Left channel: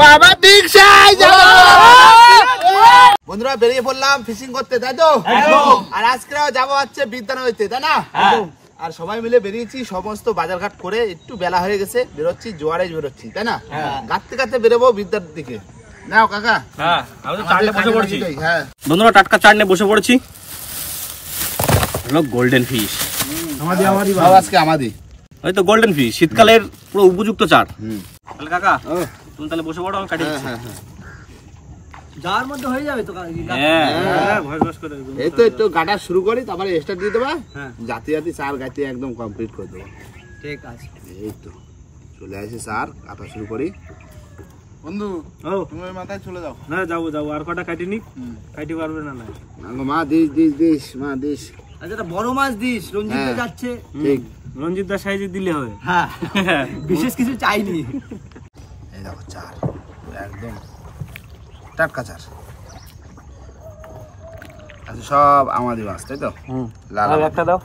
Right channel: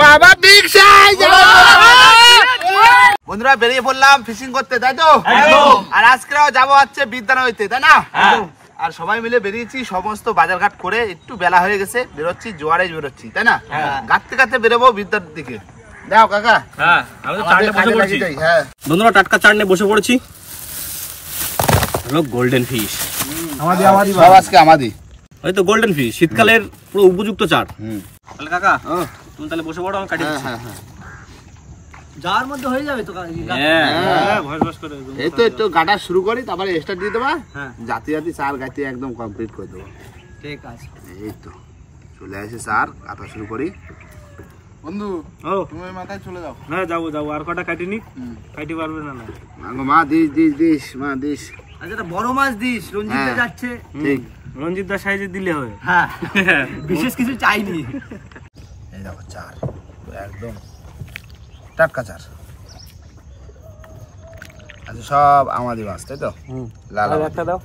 বাবা big size. বন্ধুরা বেরিয়ে পড়লাম ফিশিং করতে, তাই তো? আর আজকেও যাবো হচ্ছে বিদ্যালয়তে, তাই না? আর সবাই মিলে বেরিয়েছি, সমস্ত বাজারঘাট করে একটু বেলা হয়ে গেছে, বেরোচ্ছি জোয়ারে বেরোচ্ছি, তাই না? গাঁততে গাঁততে বেরোবো বিদ্যার দিকে। যাও কাকা। বন্ধুরা টাটকা চাট নিয়ে বসে পড়েছি। গোল্ডেন ফিশ আজকে আমাদের হয়তো গোল্ডেন ফিশ শীতকালের পুরো উপযুক্ত চাট। তাহলে কাকা তুমি তাহলে বসে পড়ো, আমি কাটি দিচ্ছি। যার মধ্যে হয়ে যাবে তো। এই তো একটু গাটা শুরু করি, তারপরে স্টার্ট দিয়ে দেবা। জাতি জাতি চার গাইতে একদম কমপ্লিট করে দেবো। ঠিক আছে, এই তো চলে আসে চার কাটা শুরু করি। বন্ধু তুমি মাথায় চলে যাও। হ্যাঁ যাবো যাবো, আর কটা কাটিনি, কাটি পারবে না? মা দিস দিস দিস মা দিস। আচ্ছা বড় মাছ দিস, রঞ্জিত যাচ্ছে। ঠিক, রঞ্জিত দা সাইজে দিলে হবে। হ্যাঁ বিশেষ কিছু চাইনি। এই দেখো চার একদম টাটকা চার। আচ্ছা সব আমাদের মাছ, তাই তো? লাল একটা দাও।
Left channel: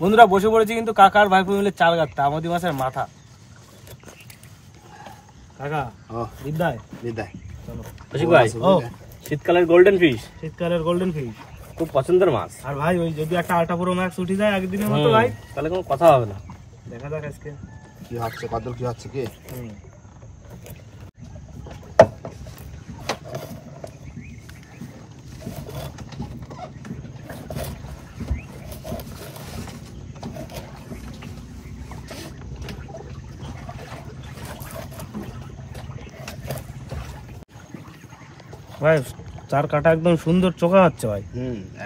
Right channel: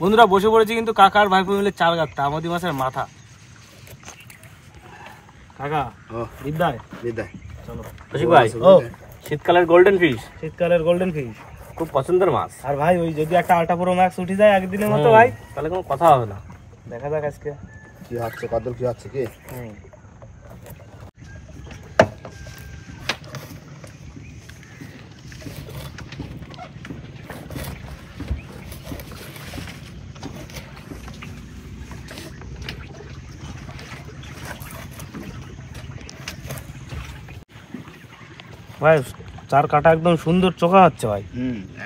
বন্ধুরা বসে পড়েছি কিন্তু কাকার ভাইপো মিলে চাল গাঁথতে, আমাদের মাছের মাথা। কাকা বিদায় বিদায়। চলো ভাই। ও শীতকালের গোল্ডেন ফিশ, শীতকালের গোল্ডেন ফিশ খুব পছন্দের মাছ। আর ভাই ওই যদি একটা আলটা পুরো ম্যাক্স উঠে যায় একদিনের মতো ভাই, তাহলে কোনো কথা হবে না। দেখা যাক আজকে কি হচ্ছে, কদল কি হচ্ছে কি। ভাই চার কাটা একদম সুন্দর চোখা হচ্ছে ভাই।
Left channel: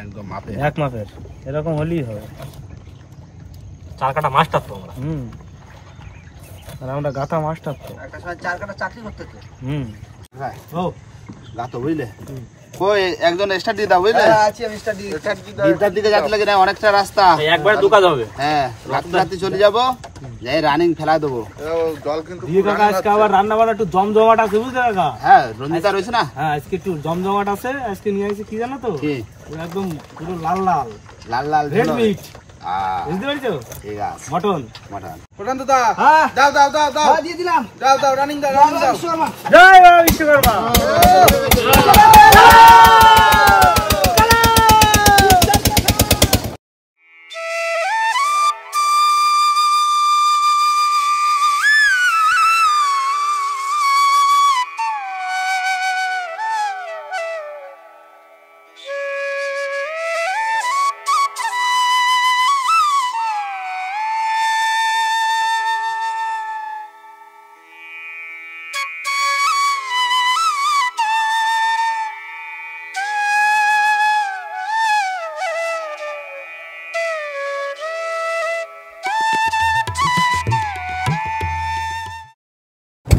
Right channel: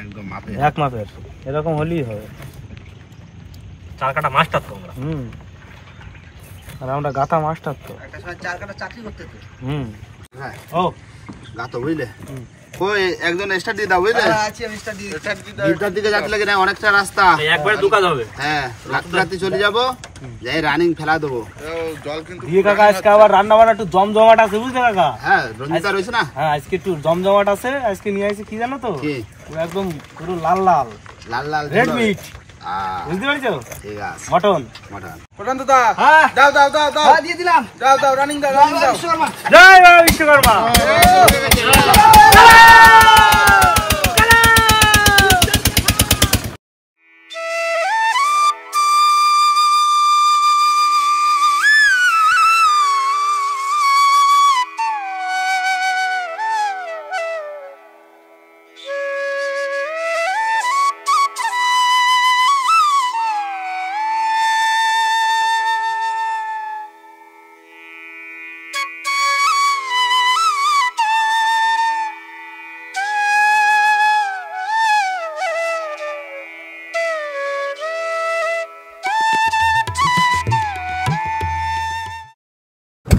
একদম মাপের, এক মাপের এরকম হলেই হবে। চার কাটা মাস্টার তো আমরা। আর আমরা গাথা মাস্টার তো। চার কাটা চাকরি করতে। হ্যাঁ ও গাতো বুঝলে। কই একজন স্টার্ট দিয়ে দাও বুঝলে। আছি আমি স্টার্ট দিয়ে। বিদ্যার দিকে যাতে লাগে না, অনেকটা রাস্তা। একবার দুকাজ হবে। হ্যাঁ রাত্রি চলে যাবো, যাই রানিং ফেলা দেবো। জল কিন্তু দিয়ে কাকা আজকে আবার রান্না বান্না একটু জমজমাট আছে বুঝলে কাকা। হ্যাঁ রঞ্জিতা রয়েছে না। হ্যাঁ আজকে একটু জমজমাট আছে। আজকে নিয়ে আসি কি জানো তো, একদম পুরো লাল লাল লাল লাল রেড মিট। বুঝতে পারছো? ঠিক আছে। মটন মটন পটন দাদা। হ্যাঁ দাও দাও দাও দাও। হ্যাঁ দিয়ে দিলাম। দাও দাও রানিং দাও, রানিং দাও। জয় বাবা বিশ্বকর্মা।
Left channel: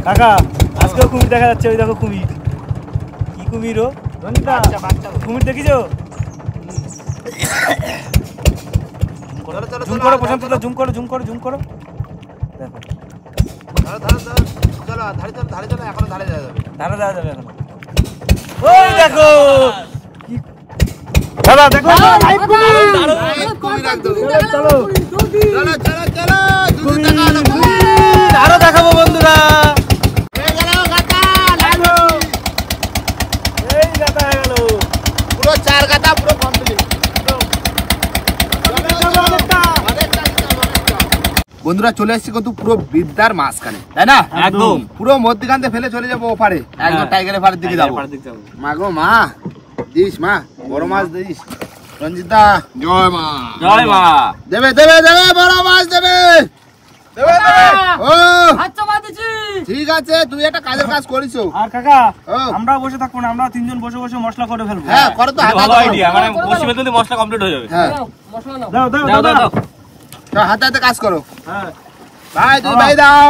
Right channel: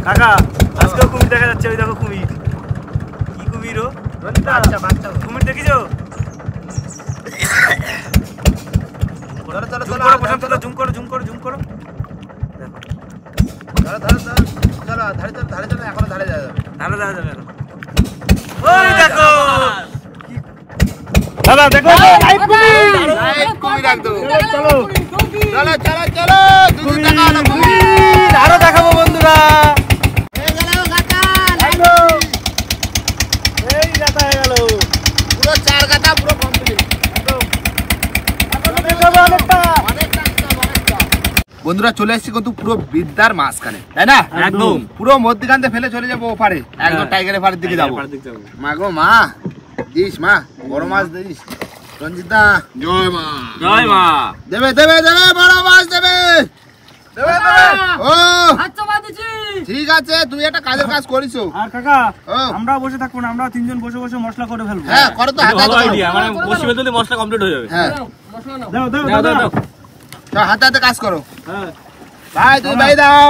কাকা আজকেও কুমির দেখা যাচ্ছে। ওই দেখো কুমির। কি কুমির? ও কুমির দেখিছো? জুম করো প্রশান্ত দা, জুম করো জুম করো জুম করো। দেখো ধারে যাওয়া যাবে এখন। ওই দেখো দাদা দেখো আরো দেখাবো বন্ধুরা। এই গাতা হয়ে গেল পুরো চার গাতা পুরো কমপ্লিট। বন্ধুরা চলে এসেছি কিন্তু পুরো বিদ্যার মাঝখানে, তাই না? একদম পুরো মধ্যখানে ফেলে চলে যাবো ওপারে, একদম টাইগারের পাড়ের দিকে যাবো। মা গো মা দিস, মা বড় মাছ দিস। রঞ্জিতা জয় মা। জয় মা। দেবে দেবে দেবে বড় মাছ দেবে। ঠিক আছে তুই একটা কাজের কাজ করিস। আর কাকা আমরা বসে থাকবো না, আমরা তিনজন বসে বসে মশলা করে ফেলবো। হ্যাঁ করো তো, হাতে হাতে মানে বসে বেঁধে মশলা কমপ্লিট হয়ে যাবে। হ্যাঁ দাও দাও দাও দাও হাতে হাতে কাজ করো। হ্যাঁ ভাই তুমি ভাই দাও,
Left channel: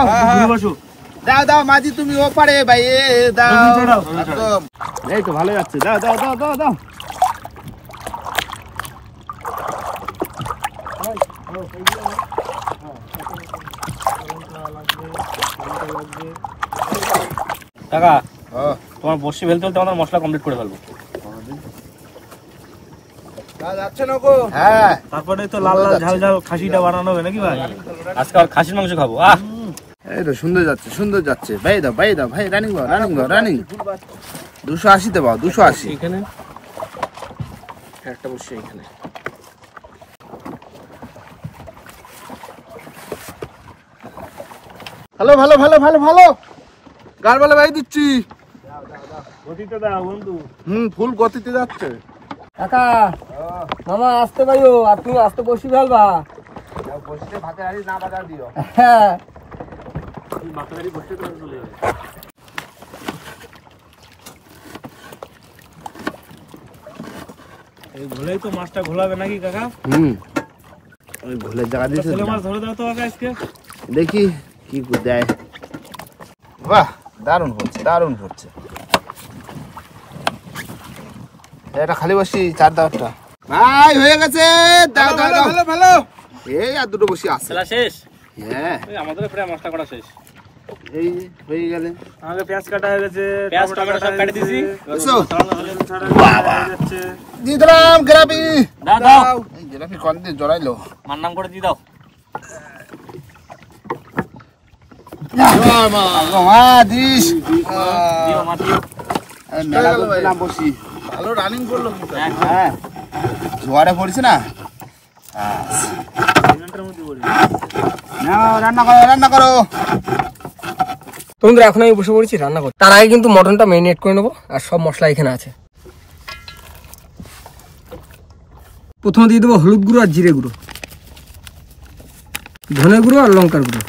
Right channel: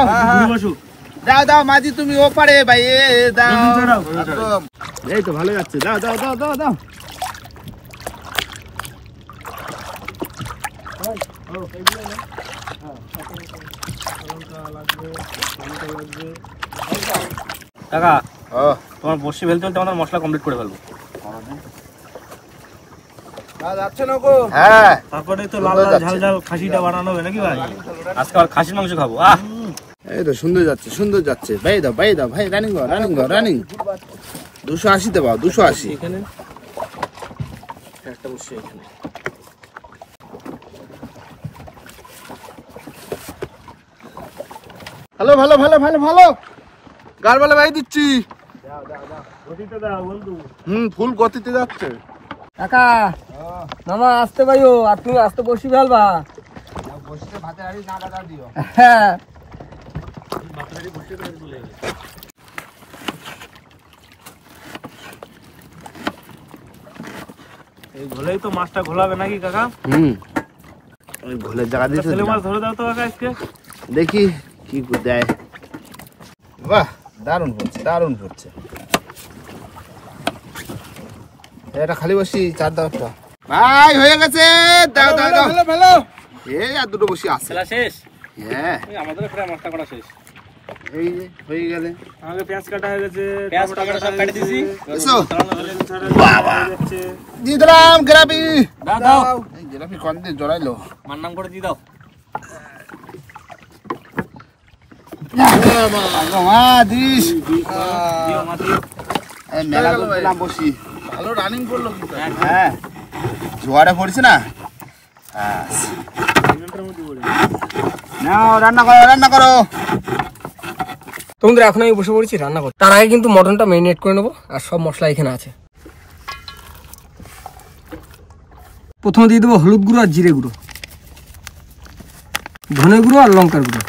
বসো দাও দাও মাঝি তুমি ও পারে ভাই দাও। এই তো ভালো যাচ্ছে, দাও দাও দাও দাও দাও। কাকা তোমার বর্ষি ফেলতে ফেলতে আমাদের মশলা কমপ্লিট করে ফেলবো। যাচ্ছে না গো। হ্যাঁ তারপরে তো লাল লাল ঝাল ঝাল খাসিটা বানানো হবে নাকি ভাই? আজকে আর খাসির মাংস খাবো। এই তো সুন্দর যাচ্ছে ভাই দাও ভাই রানিং রানিং 280 তে পাও 280 এখানে একটা বর্ষি এখানে। ভালো গার বলে ভাই দিচ্ছি। ফুল গতিতে যাচ্ছে। কাকা মামা আসতে পাইও, আর তুমি আসতে বসি ফেলবা। বসে ভাতের হাড়ি না বাজার দিও। হ্যাঁ এই ঘোলেই তো মাছটা ঘোলাবে নাকি কাকা? ওই ঘোলের জায়গা দিয়েছে। ছেলে মাছ ধরে দাও তো কাকা আজকে। দেখি কি দেয়। বাহ দারুণ পড়ছে। এটা খালি বসি চার দাও একটা। ভাই হয়ে গেছে। দাও ভালো এই আর দুটো বসি আছে। খেলা শেষ? হ্যাঁ আমাদের প্রায় মশলা করা শেষ। এই যে হয়ে গেলে। আমাদের পেঁয়াজ কাটা হয়ে গেছে, পেঁয়াজ টমেটো সব কেটে দিয়েছি। এসো বাবা দিয়ে দিলাম গ্রাবি। দাও এই গ্রাবি কোন দিয়ে জড়াইলো। মার নাম করে দিয়ে দাও। দিস দিও মা দিও। মেলা করলাম বসি। ভালো রানিং করলো কিন্তু। হ্যাঁ জোয়ারে পড়ছে না। নাও রান্না করো। তোমরা এখন আমি বসে পড়েছি রান্না করতে। তার আগে কিন্তু মটনটা ম্যারিনেট করে নেবো, আর সব মশলা এখানে আছে। প্রথমে দিয়ে দেবো হলুদ গুঁড়ো আর জিরে গুঁড়ো, ধনে গুঁড়ো আর লঙ্কার গুঁড়ো,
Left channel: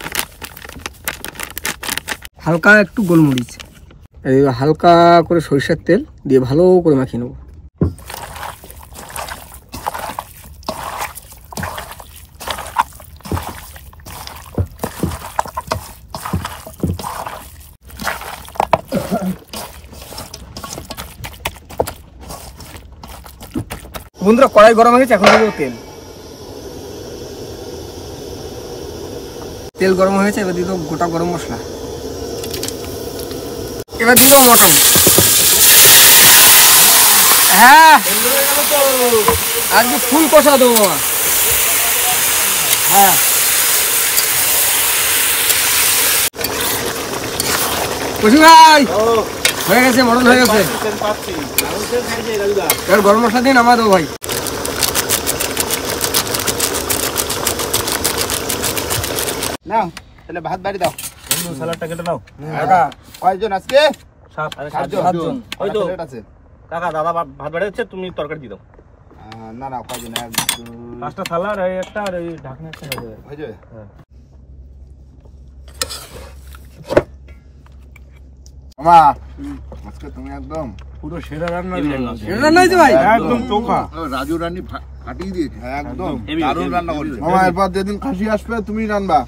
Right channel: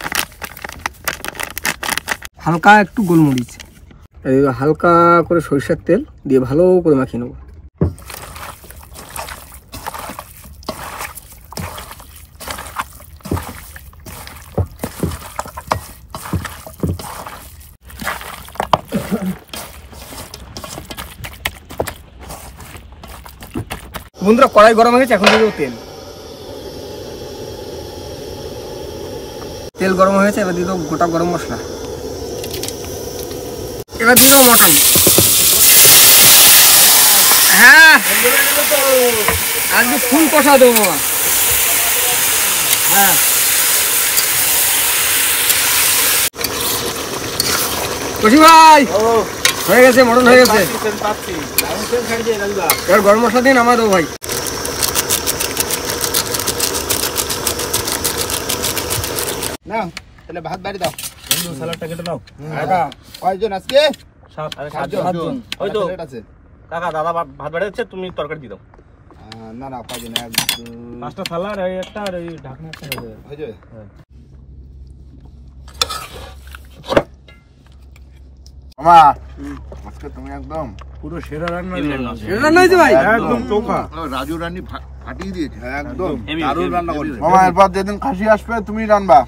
হালকা একটু গোলমরিচ, হালকা করে সরিষার তেল দিয়ে ভালো করে মাখিয়ে নেবো। বন্ধুরা কড়াই গরম হয়ে গেছে, এখন দিয়ে দেবো তেল গরম হয়ে গেছে। এবার দিয়ে দেবো গোটা গরম মশলা, এবার দিয়ে দেবো মটন। হ্যাঁ আজকে ফুল কষা দেবো। হ্যাঁ কষি ভাই হয়ে গেছে, মটন হয়ে গেছে। এবার গরম মশলা দিয়ে নামা দেবো ভাই। নাও তাহলে ভাত বাড়ি দাও। সালাডটা কেটে দাও। কয়জন আজকে? সাতজন। ওই তো প্লেট আছে। কাকা দাদা ভাত বেড়ে যাচ্ছে, তুমি তরকারি দিয়ে দাও। না কয়জন? 1 2 পাঁচটা থালা আর এই একটা আর এই ঢাকনা একটা হয়ে যাবে। হয়ে যাবে। হ্যাঁ মামা আজকে তুমি একদম পুরো সেরা রান্না। রান্না হয়েছে ভাই একদম চোখা। রাজু রানী ফাটিয়ে দিয়েছে একদম। হেভি, দারুণ হেভি, রান্না হেভি। করেছে মামা। এরপর যেদিন খাসি আসবে তুমি রান্না।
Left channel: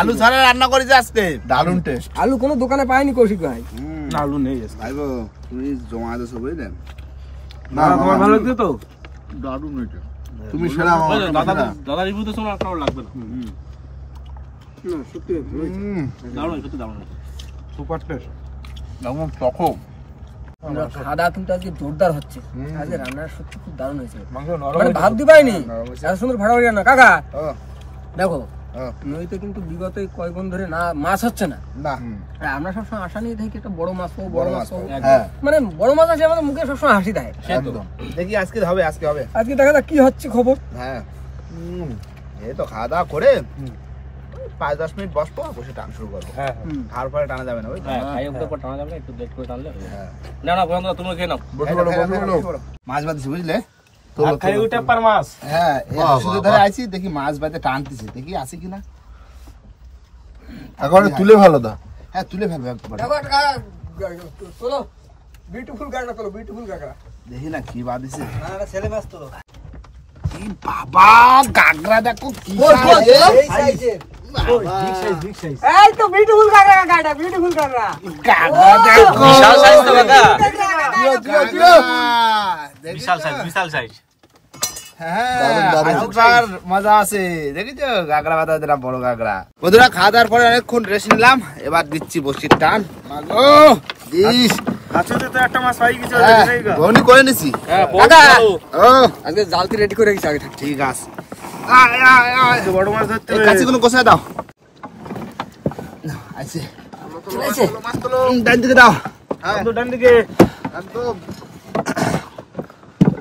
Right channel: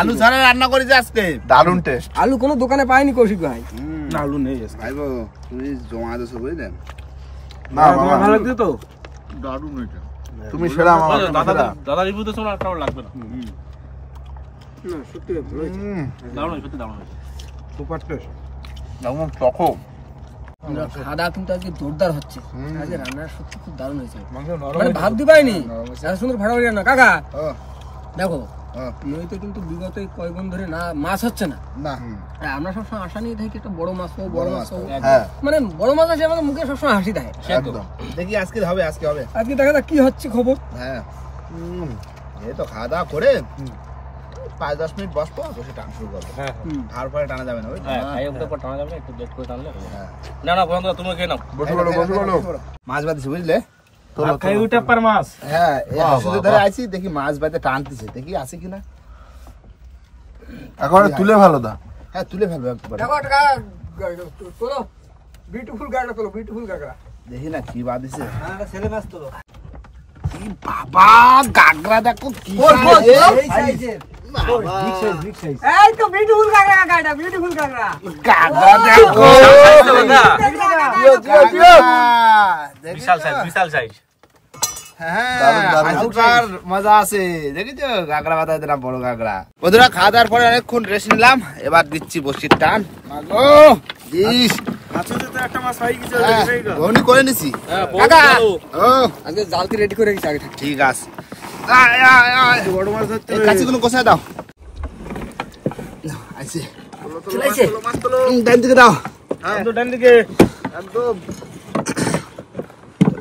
আলু ছাড়া রান্না করেছে আজকে, দারুণ টেস্ট। আলু কোনো দোকানে পাইনি কৌশিক ভাই। না আলু নেই ভাইবো তুমি জমা দেছো বুঝলেন। না তোমার ভালো লাগছে তো? দারুণ হয়েছে। তুমি সেরা মামা। দাদা রিভিউ তো শোনা আপনার লাগবে না। না সত্যি ভালো হয়েছে। দারুণ সত্যি দারুণ হয়েছে। Super test. একদম টকো। খাওয়া কিন্তু আজকে জোরদার হচ্ছে। আজকে রান্নার সত্যি খুব দারুণ হয়েছে। মাংস নরম মানে হয়েছে। ভাবতে পারিনি এত সুন্দর ফাটাফাটি রান্না। কাকা ও, দেখো ও, নদীতে কিন্তু বিগত কয়েকদিন ধরে না মাছ হচ্ছে না। না আর আমরা সবসময় আশা নিয়ে থাকি একটা বড় মাছ পাবো, বড় মাছ পাবো। হ্যাঁ মানে বড় মাছ আছে আমাদের মুখে সবসময় হাসি দেয়। একদম। দেখি আজকে হবে। আজকে দেখা যাক কি হচ্ছে খবর। হ্যাঁ এই তো খাওয়া দাওয়া করে 5-10 মিনিট বসবো, বসে টান শুরু করবো। হ্যাঁ তারপরে টানা যাবে না বুঝলি? হ্যাঁ খাই ওদের পর টানা যাবে না, একটু লেট করে টানলে হয়ে যাবে। হ্যাঁ না না বন্ধুরা তুমি খেয়ে নাও। মাছ বাঁধছে বুঝলে। খাই ওইটা পার মাছ। হ্যাঁ এই হাসুদের ধরে আইছি, দেখি মাছ বাঁধে টানতেছে, দেখি আছে কিনা। একবারে তুলে ভালো দা। হ্যাঁ তুলে ফেলবো একবার। তোলো বিউটিফুল গাড়া, তোলো বিউটিফুল গাড়া। দেখি না কি বাঁধিছে। ছেলে মাছ তোলো। এই বাবা গাগরা দেখো কি সাইজের। এই তো বিউটিফুল গাড়া, গাড়া বিউটিফুল গাড়া। গাগরা দেখো। বিশাল সাইজ তো দাদা। গাগরা। বিশাল সাইজ, বিশাল সাইজ। হ্যাঁ মজা আছে দেখেছো গাগরা বাতা দিলাম বড় গাগরা। বন্ধুরা খাওয়া দাওয়ার পরে অনেকক্ষণ রেস্ট নিলাম, এবার দিচ্ছি বসির টান। মাগো দিস একটা মাছ হয় কিছু বহনি করে নিছি। ও আজকে জালতি রেডি করে রেখেছি আগে থেকে। ঠিক আছে বড় মাছ ধরতে কাঁচিগুলো কোথায় দাও? আইছে চলে আইছে ডান দিকে দাও। ডান দিকে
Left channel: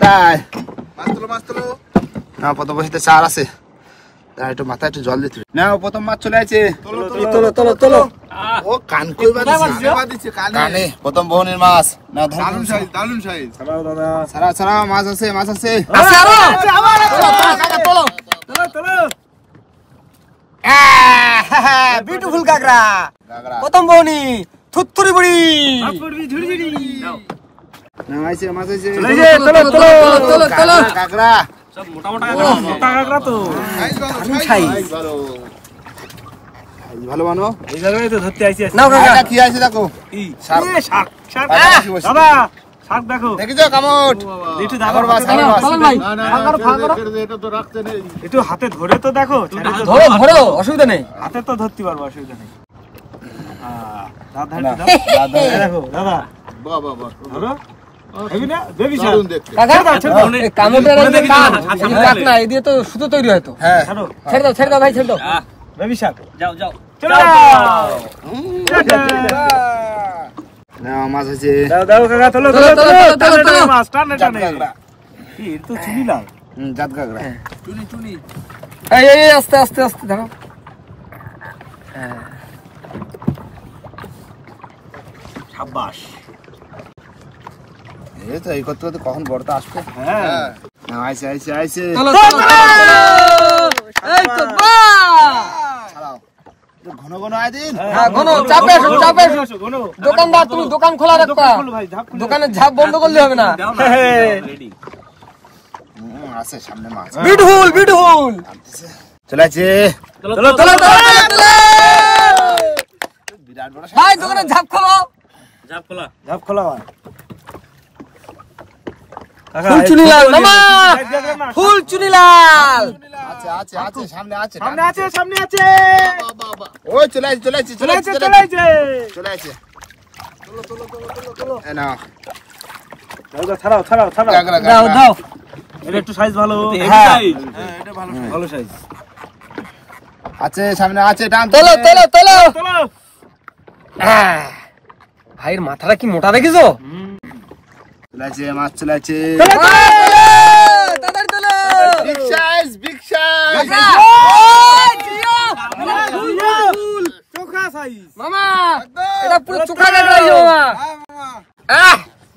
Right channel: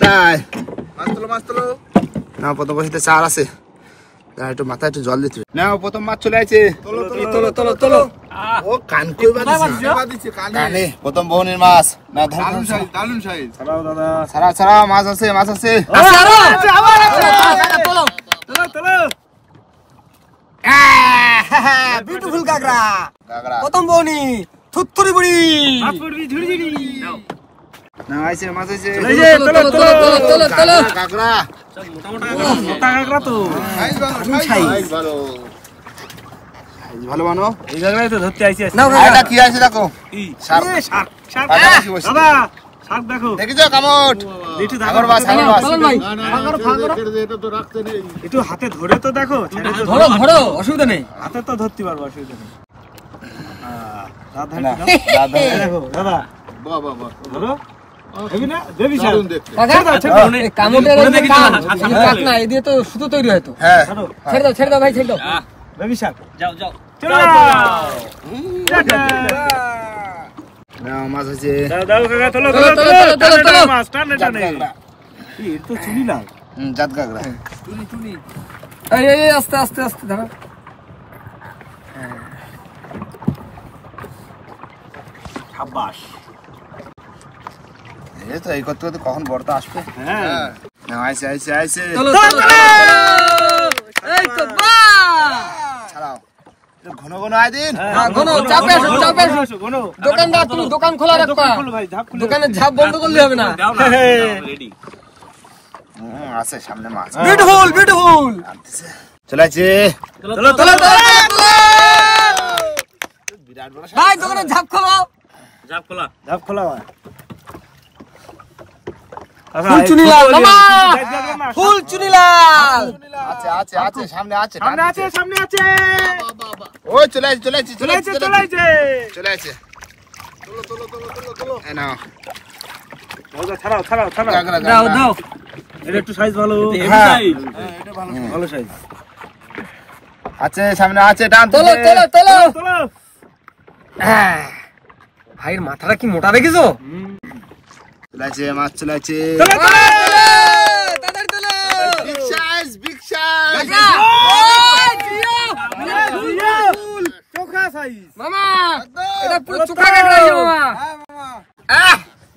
তাই মাছ তোলো না প্রথম বসে চার আছে, একটু মাথায় একটু জল দিতে না। প্রথম মাছ চলে আছে, ও কান কইবা দিছে কানে প্রথম বহনের মাছ না। দারুন সাইজ ছাড়াও দাদা, ছাড়া মাছ আছে বিউটিফুল কাকড়া প্রথম বউনি থুতথুরি বুড়ি না আইছে মাছ আছে কাকড়া মোটা কাঁকড়া তো সাইজ ভালো মানো এই জায়গায় তো ধরতে আইছি। এটা কি আছে দেখো, শার্ক দাদা শার্ক দেখো দেখিছো কামট একটু সাগর মাছ একটু হাতে ধরে তো দেখো, ধরো অসুবিধা নেই, হাতে তো ধরতে পারবো অসুবিধা নেই। দেখো দাদা ধরো হেবি না বেবি শার্ক না এদিকে তো সুতো তৈরি হয় তো। হ্যাঁ ছেড়ে দাও ভাই ছেড়ে দাও। বেবি শার্ক যাও না মাছ আছে দাও কাকা তোলো মাছ টানে কি তো চিনি লাল জাত কাকড়া এই আস্তে আস্তে ধরো। সাবাস এই তো এই করতে কখন বড়টা আসবে। হ্যাঁ আইছে এই তো বাহ ছাড়াও ঘন আয় দিন। দোকানদার তুমি দোকান খোলা রাখবা, দোকানের ঝাপ বন্ধ করলে হবে না। আছে সামনে মাছ বিউটিফুল চলে আছে বিরাট বড় ভাই দোকানের ঝাপ খোলো। ঝাপ খোলা ফুল চুনিলাল মামা, ফুল চুনিলাল আছে সামনে আছে ওই চলে আছে না ছাড়াও দাও এটা একটু সাইজ ভালো, হ্যাঁ এটা ভালো সাইজ আছে সামনে আছে টান তোলো ভাইয়ের মাথাটা কি মোটা দেখেছো? চলে আছে মাছ চলে আছে বিগ সাইজ চোখা সাইজ মামা এটা পুরো চোখা কাকড়া মামা।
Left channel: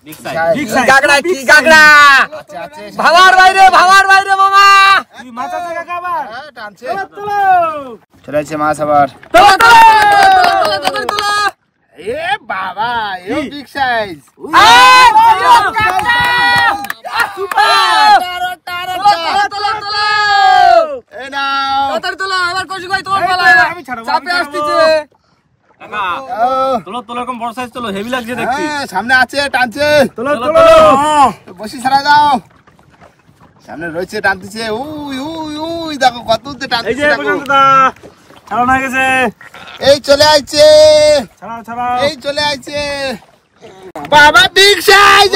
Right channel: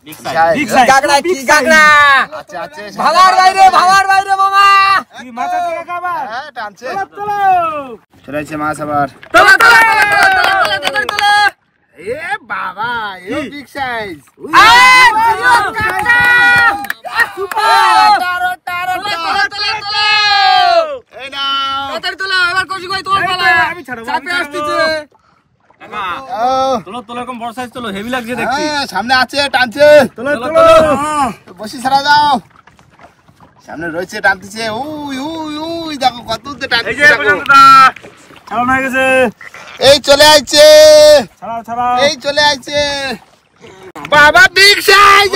বিগ কাকড়া কি কাকড়া আছে ভাবার বাইরে মামা। কি মাথা থেকে কাবার টানছে চলে আছে মাছ আবার। এ বাবা এ বিগ সাইজ এই নাও এবার কষি ভাই তোমার পালা, চাপে আসতেছে। তোলো এরকম বড় সাইজ তোলো, হেভি লাগছে দেখতে। সামনে আছে টানছে তোলো বসি ছাড়া দাও, সামনে রয়েছে টানতেছে উই দেখো কত দূর টানতেছে। এই যে পর্যন্ত ছাড়ানো হয়ে গেছে, এই চলে আইছে ছাড়াও এই চলে আইছে বাবা বিগ সাইজ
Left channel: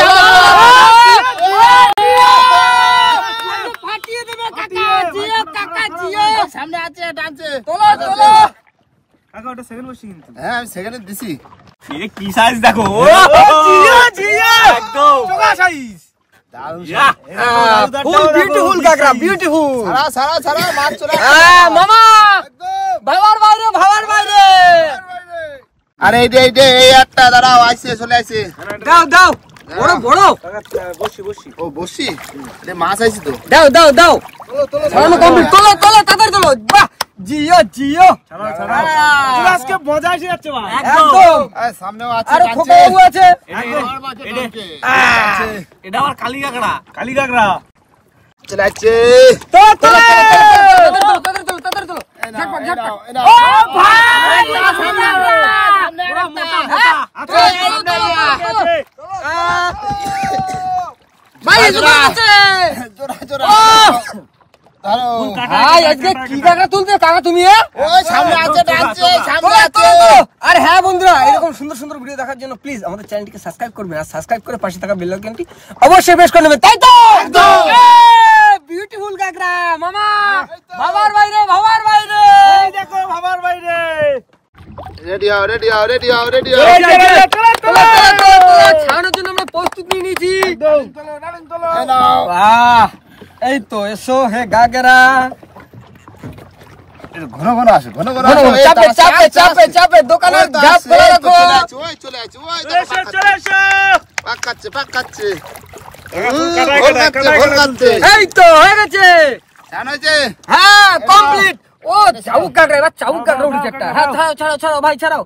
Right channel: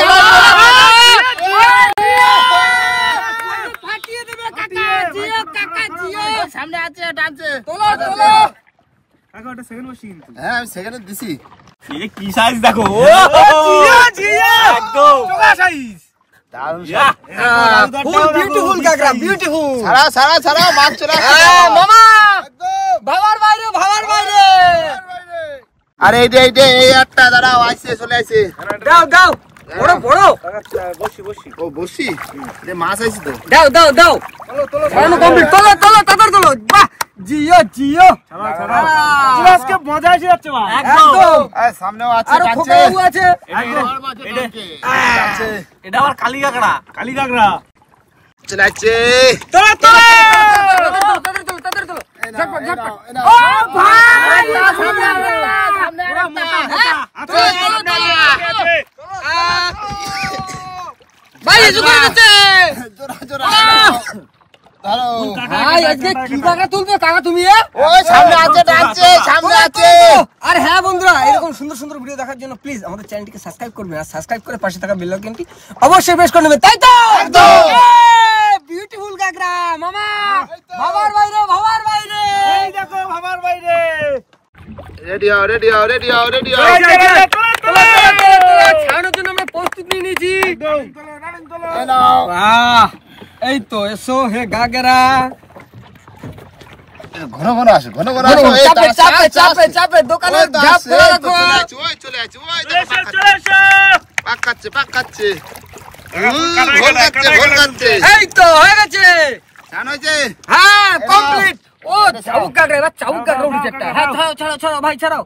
ফাটিয়ে দেবে কাকা, জিও কাকা জিও। সামনে আছে টানছে তোলো কাকা ওটা সেকেন্ড বসি কিন্তু। হ্যাঁ আমি সেখানে দিছি। এই কি সাইজ দেখো, জিও একদম চোখা সাইজ দারুণ ফুল বিউটিফুল কাকড়া বিউটিফুল। ছাড়া মাছ চলে মামা ভাবার বাইরে আরে এই একটা দাঁড়াও আইছে চলে আইছে দাও বড় বসি ও বসি যে মাছ আইছে তো দাও ছাড়ানো কমপ্লিট। তোলো তাড়াতাড়ি তোলো। বাহ জিও ছাড়াও আজকে মজা এসে যাচ্ছে মা একদম। আর সামনেও আছে আর টানছে খোকা বাবু আছে। এটা আবার কালি কাকড়া চলে আইছে তাড়াতাড়ি তোলো। ও ভাই সামনে ভাই জোরে আছে জোড়া জোড়া ধরো ভাই আজকে কি জায়গা তুলছো কাকা তুমি? ওই সামনে আছে টানছে সামনে আছে। আর হ্যাঁ বন্ধুরা, এরকম সুন্দর সুন্দর ভিডিও দেখার জন্য প্লিজ আমাদের চ্যানেলটিকে সাবস্ক্রাইব করবেন, আর সাবস্ক্রাইব করে পাশে থাকা বেল আইকনটি অবশ্যই প্রেস করে নেবেন, তাই তো? বিউটিফুল কাকড়া মামা, ভাবার বাইরে ভাবার বাইরে, এই দেখো ভাবার বাইরে। রেডি হও রেডি হও রেডি হও রেডি হও। খাওয়ানোর জন্য আমরা প্রস্তুত নিয়ে নিয়েছি। এই নাও। বাহ, এই তো এসো হে গাগরা। ঘন ঘন আসো ঘন ঘন আসো। এই চাপে তো চাপে চাপে চাপে দোকানে ঝাঁপ ফেলে রাখো। চলে আসো ওই চলে আসো ওই চলে এসো, চলে এসো। পাক কাচ্ছে পাক কাচ্ছে। কাটাই ভোল গেল, কাচ্ছে কাটাই ভোল গেল। কাচ্ছে। এই তো হয়ে গেছে। জানো হয়েছে? হ্যাঁ কমপ্লিট। ও চাবুক কাটরে, এবার চাবুক কাটরে উঠেছে একটা। হ্যাঁ ছাড়াও ছাড়াও ছাড়াও ভাই ছাড়াও।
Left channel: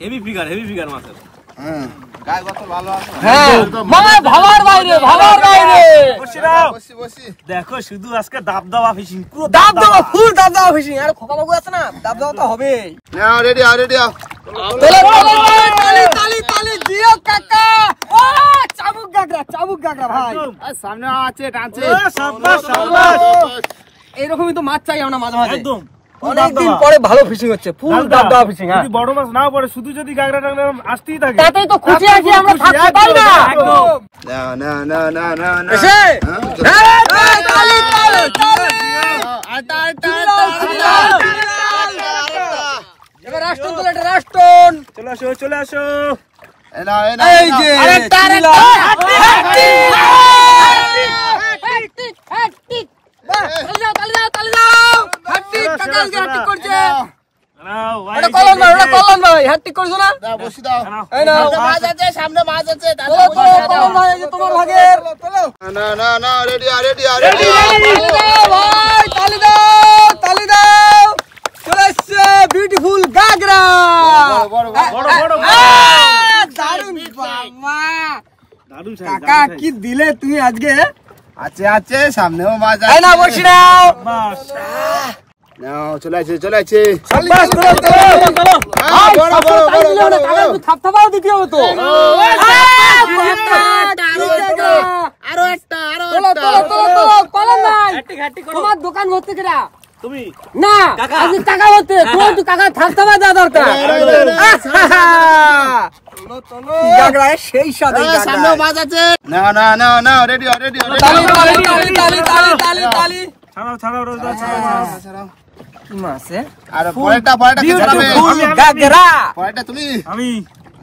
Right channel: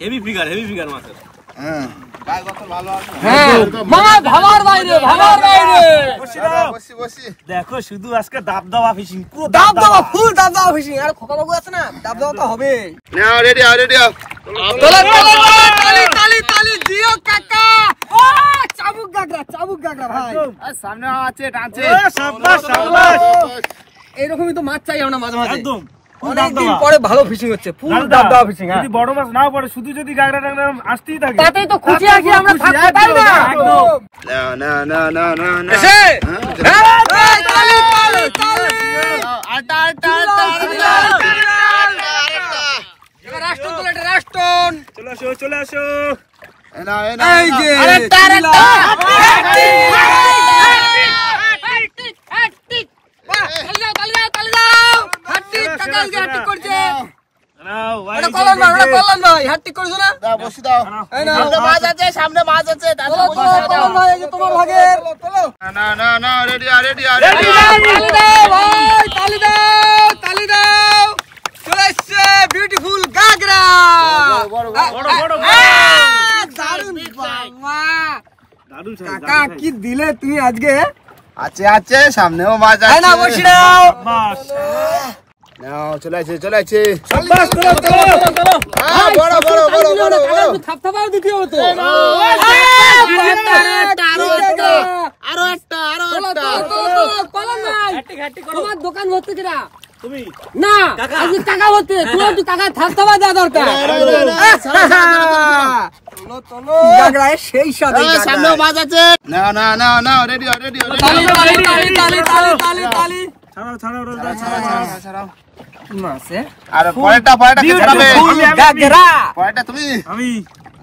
হেভি ফিগার মাছের। হ্যাঁ গায়ে কত ভালো আছে। হ্যাঁ মামা ভাবার বাইরে ভাবার বাইরে। বসি বসি। দেখো শুধু আজকে দাব দাবা ফিশিং, পুরো দাব দাবা ফুল দাব দাবা ফিশিং। আর খোকা বাবু আছে না, দাব দাবা তো হবে। নাও রেডি হও রেডি হও। তোলে তোলে তালি তালি তালি দিও কাকা। ও চাবুক গাগরা ভাই। আর সামনে আছে টানছে। শাবাশ শাবাশ। এইরকমই তো মাছ চাই আমরা মাঝে মাঝে। একদম অনেকদিন পরে ভালো ফিশিং হচ্ছে, ফুল দাব দাবা ফিশিং। যদি বড় মাছ না পড়ে, শুধু যদি গাগরা টাগরা আসতেই থাকে, তাতেই তো খুশি আছি আমরা, থাকতে পাই না। একদম। নাও নাও নাও নাও নাও নাও। এসে এই তালি তালি তালি। আটা আটা আটা। এবার রাষ্ট্রন তোলে, এটা রাষ্ট্রন। চলে আসো চলে আসো। এই নাও এই নাও। এই যে আরেকটা আরেকটা। নাও ভাই। দাও বসি দাও। এই নাও। সামনে মাছ আছে সামনে মাছ আছে। তোলো, তোলো, তোলো ভাই, এই যে তোমার ভাগের। না না না রেডি আর রেডি আর রেডি। তালি দাও ভাই, তালি দাও, তালি দাও। চলে এসছে বিউটিফুল গাগরা। বড় বড় বড়। বড় বড় দারুণ বাবা। দারুণ কাকা কি দিলে তুমি আজকে? আছে আছে সামনেও মাছ এই আছে। না বসি নাও। বাস। নাও চলে আছে চলে আছে। বাস চলো চলো চলো। হ্যাঁ বড় বড় বড় বড় বড়। থাপথাপাও দিতে হবে তো। আরো একটা আরো চলো, একটা। চলো, চলো, চলো, পালান নাই। হ্যাটি করো তোমার দোকান ভর্তি কিনা? তুমি। না, আজকে টাকা ভর্তি। তোমার একটু টাকা থাপথাপা দেওয়া দরকার। গাগরায় সেই স্বাদ এই গাগরায়। সামনেও মাছ আছে। না না না না রেডি আর রেডি আর তালি তালি তালি তালি তালি তালি তালি। ছাড়াও ছাড়াও রোজদার ছাড়াও। কি মাছ এ? আর পরেরটা পরেরটা কে চালাবে? বিউটিফুল গাগরা। পরেরটা তুমি। আমি